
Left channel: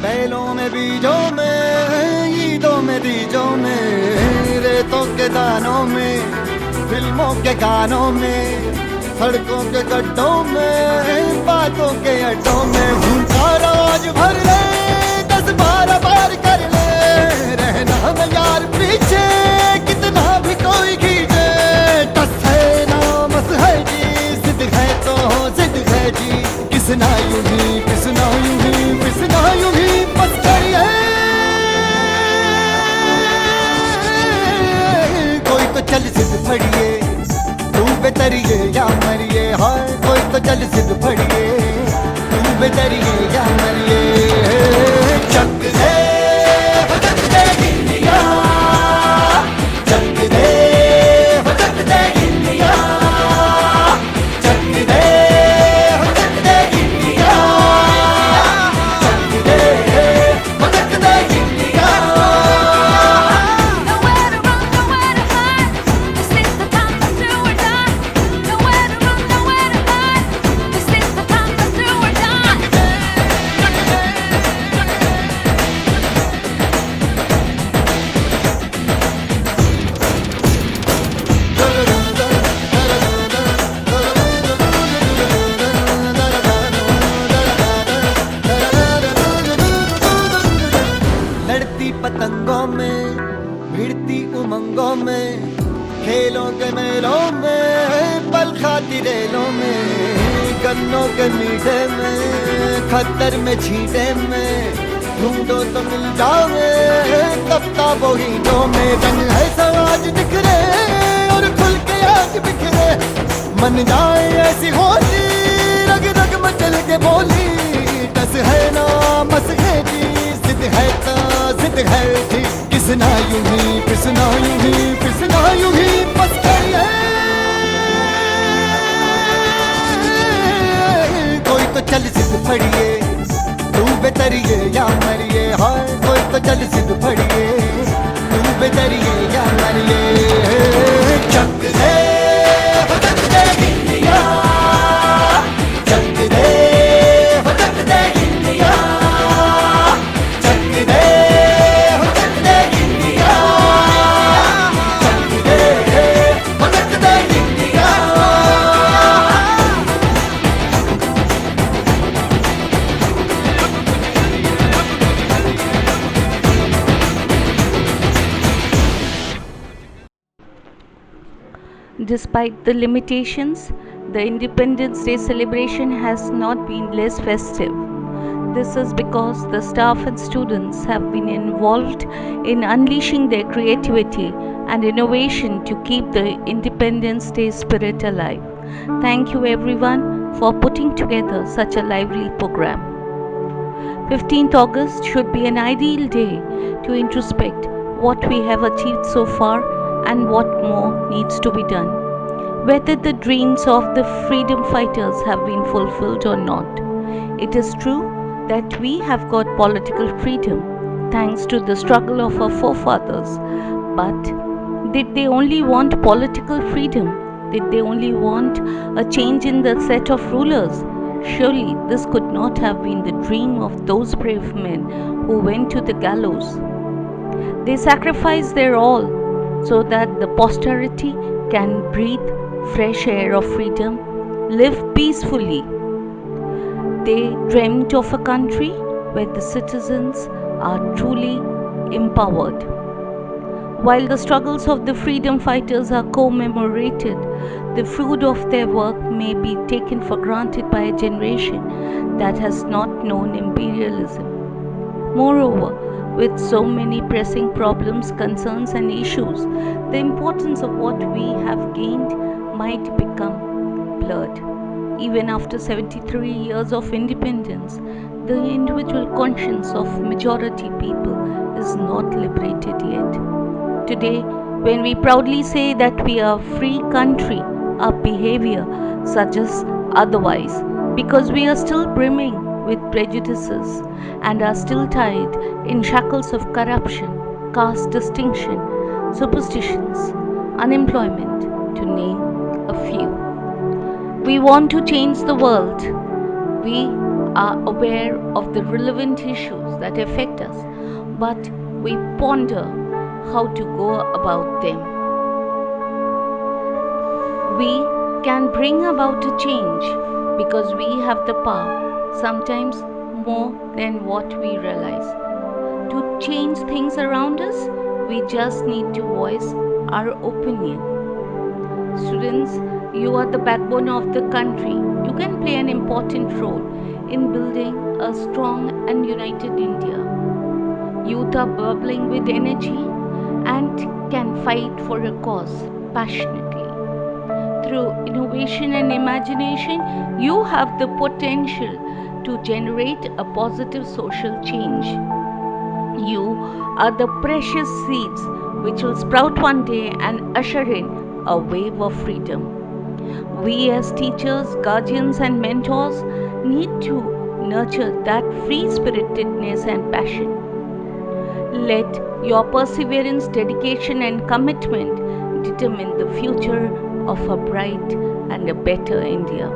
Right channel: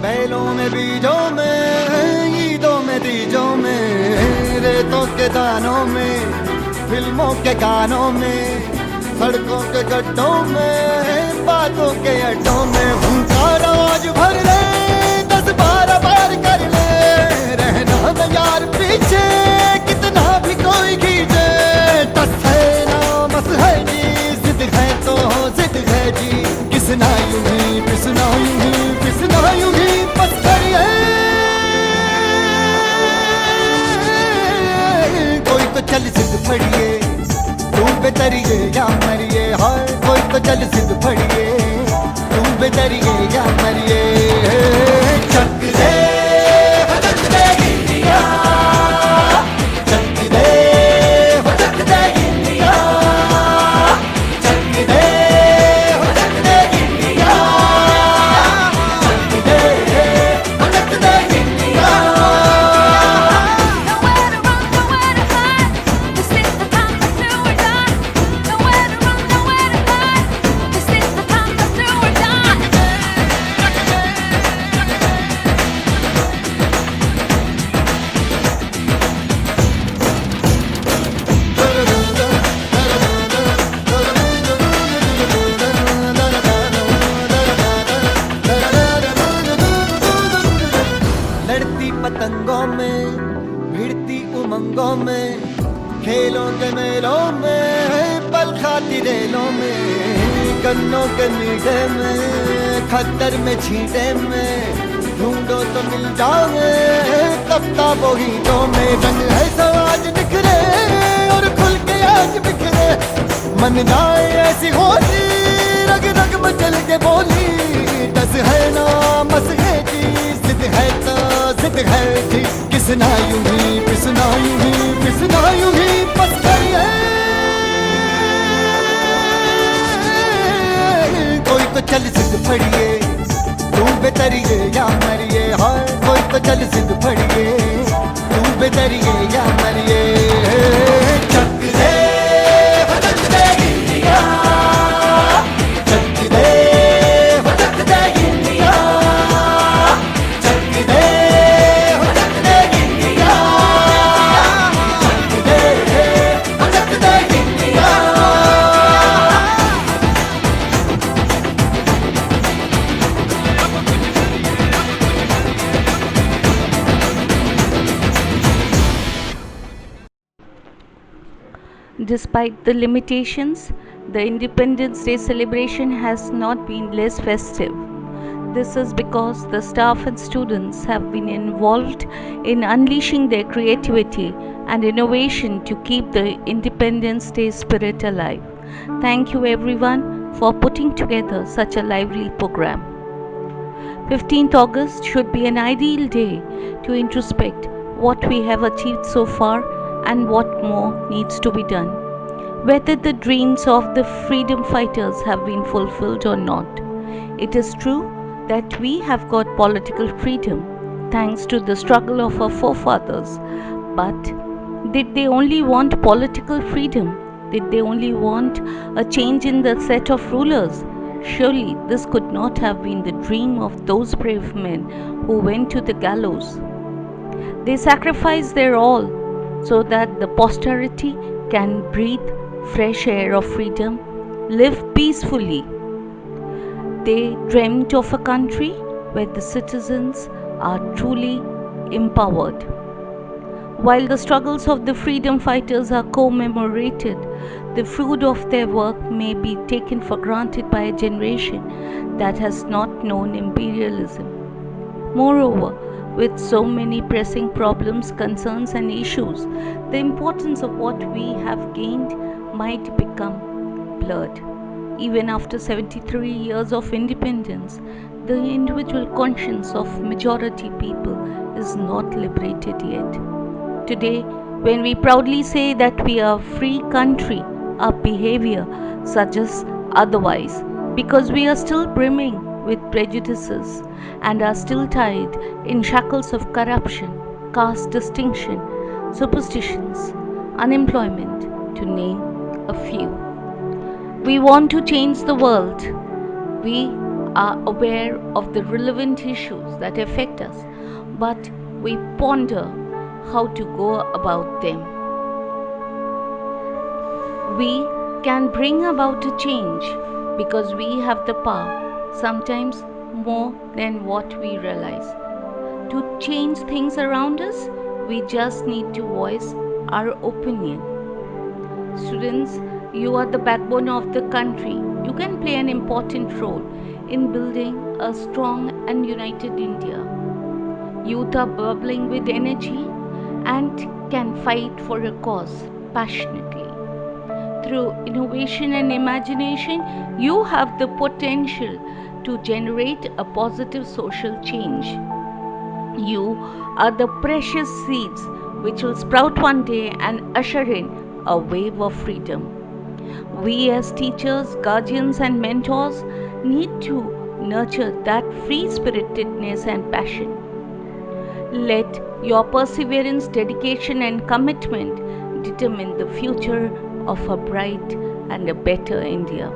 बैलों में बीजों में, ईदों में बीजों में, रेतों के दानों में, फिल्मों के गानों में, सड़कों के गड्ढों में, बातों के अड्डों में, भूखा रोज भर ले 10-12 बार कर ले, रहना न यार पीछे कितना भी कोई खींचे, टस है ना मस है जी, जिद है तो जिद है जी, किसना यूं ही पिसना यूं ही पिसना यूं ही पत्थरिए, कोई तो चल सिद्ध फड़िए, तू बेतरिए या मरिए, हाय कोई तो चल सिद्ध फड़िए, तू बेतरिए या मरिए, चक दे हो चक दे गिलिया, चक दे हो चक दे गिलिया, चक दे हो चक दे गिलिया, चक दे हो चक दे गिलिया. लड़ती पतंगों में, भिड़ती उमंगों में, खेलों के मेलों में, पल खाती रेलों में, गन्नों के मीठे में, खद्दर में छींटे में, ढूंढो तो मिल जाओगे किताबों हीटों में, रंग है समाज बिखरे और खुल के आज बिखरे, मन जाए ऐसी होली, रग रग मचल के बोली, दस है ना मस है जी, जिद है तो जिद है जी, किसना यूं ही पिसना यूं ही पिसना यूं ही पत्थरिए, कोई तो चल सिद्ध फड़िए, तू बेतरिए या मरिए, हाय कोई तो चल सिद्ध फड़िए, तू बेतरिए या मरिए, चक दे हो चक दे गिलिया, चक दे हो चक दे गिलिया, चक दे हो चक दे गिलिया, चक दे हो चक दे गिलिया. Despite the limitations, the Independence Day celebration has not been less festive. This is because the staff and students have been involved in unleashing their creativity and innovation to keep the Independence Day spirit alive. Thank you everyone for putting together such a lively program. 15th August should be an ideal day to introspect what we have achieved so far and what more needs to be done. Whether the dreams of the freedom fighters have been fulfilled or not. It is true that we have got political freedom thanks to the struggle of our forefathers. But did they only want political freedom? Did they only want a change in the set of rulers? Surely this could not have been the dream of those brave men who went to the gallows. They sacrificed their all so that the posterity can breathe fresh air of freedom, live peacefully. They dreamt of a country where the citizens are truly empowered. While the struggles of the freedom fighters are commemorated, the fruit of their work may be taken for granted by a generation that has not known imperialism. Moreover, with so many pressing problems, concerns and issues, the importance of what we have gained might become blurred. Even after 73 years of independence, the individual conscience of majority people is not liberated yet. Today, when we proudly say that we are a free country, our behavior suggests otherwise, because we are still brimming with prejudices and are still tied in shackles of corruption, caste distinction, superstitions, unemployment, to name a few. We want to change the world. We are aware of the relevant issues that affect us, but we ponder how to go about them. We can bring about a change because we have the power, sometimes more than what we realize. To change things around us, we just need to voice our opinion. Students, you are the backbone of the country. You can play an important role in building a strong and united India. Youth are bubbling with energy and can fight for a cause passionately. Through innovation and imagination, you have the potential to generate a positive social change. You are the precious seeds which will sprout one day and usher in a wave of freedom. We as teachers, guardians and mentors need to nurture that free-spiritedness and passion. Let your perseverance, dedication and commitment determine the future of a bright and a better India.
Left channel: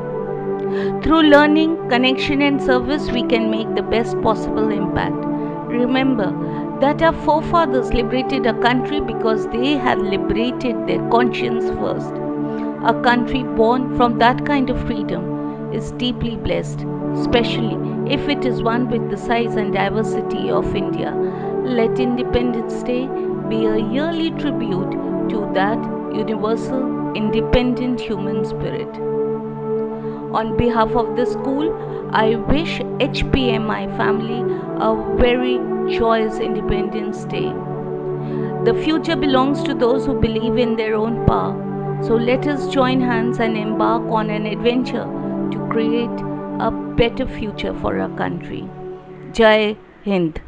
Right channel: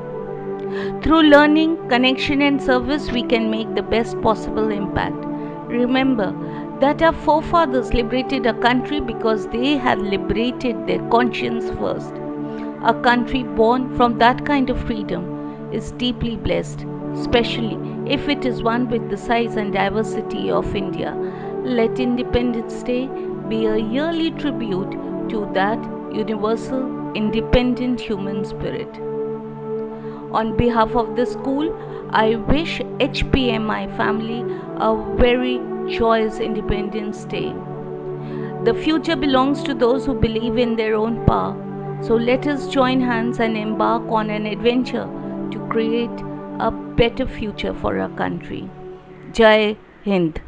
Through learning, connection and service, we can make the best possible impact. Remember that our forefathers liberated our country because they had liberated their conscience first. A country born from that kind of freedom is deeply blessed, especially if it is one with the size and diversity of India. Let Independence Day be a yearly tribute to that universal, independent human spirit. On behalf of the school, I wish HPMI family a very joyous Independence Day. The future belongs to those who believe in their own power. So let us join hands and embark on an adventure to create a better future for our country. Jai Hind.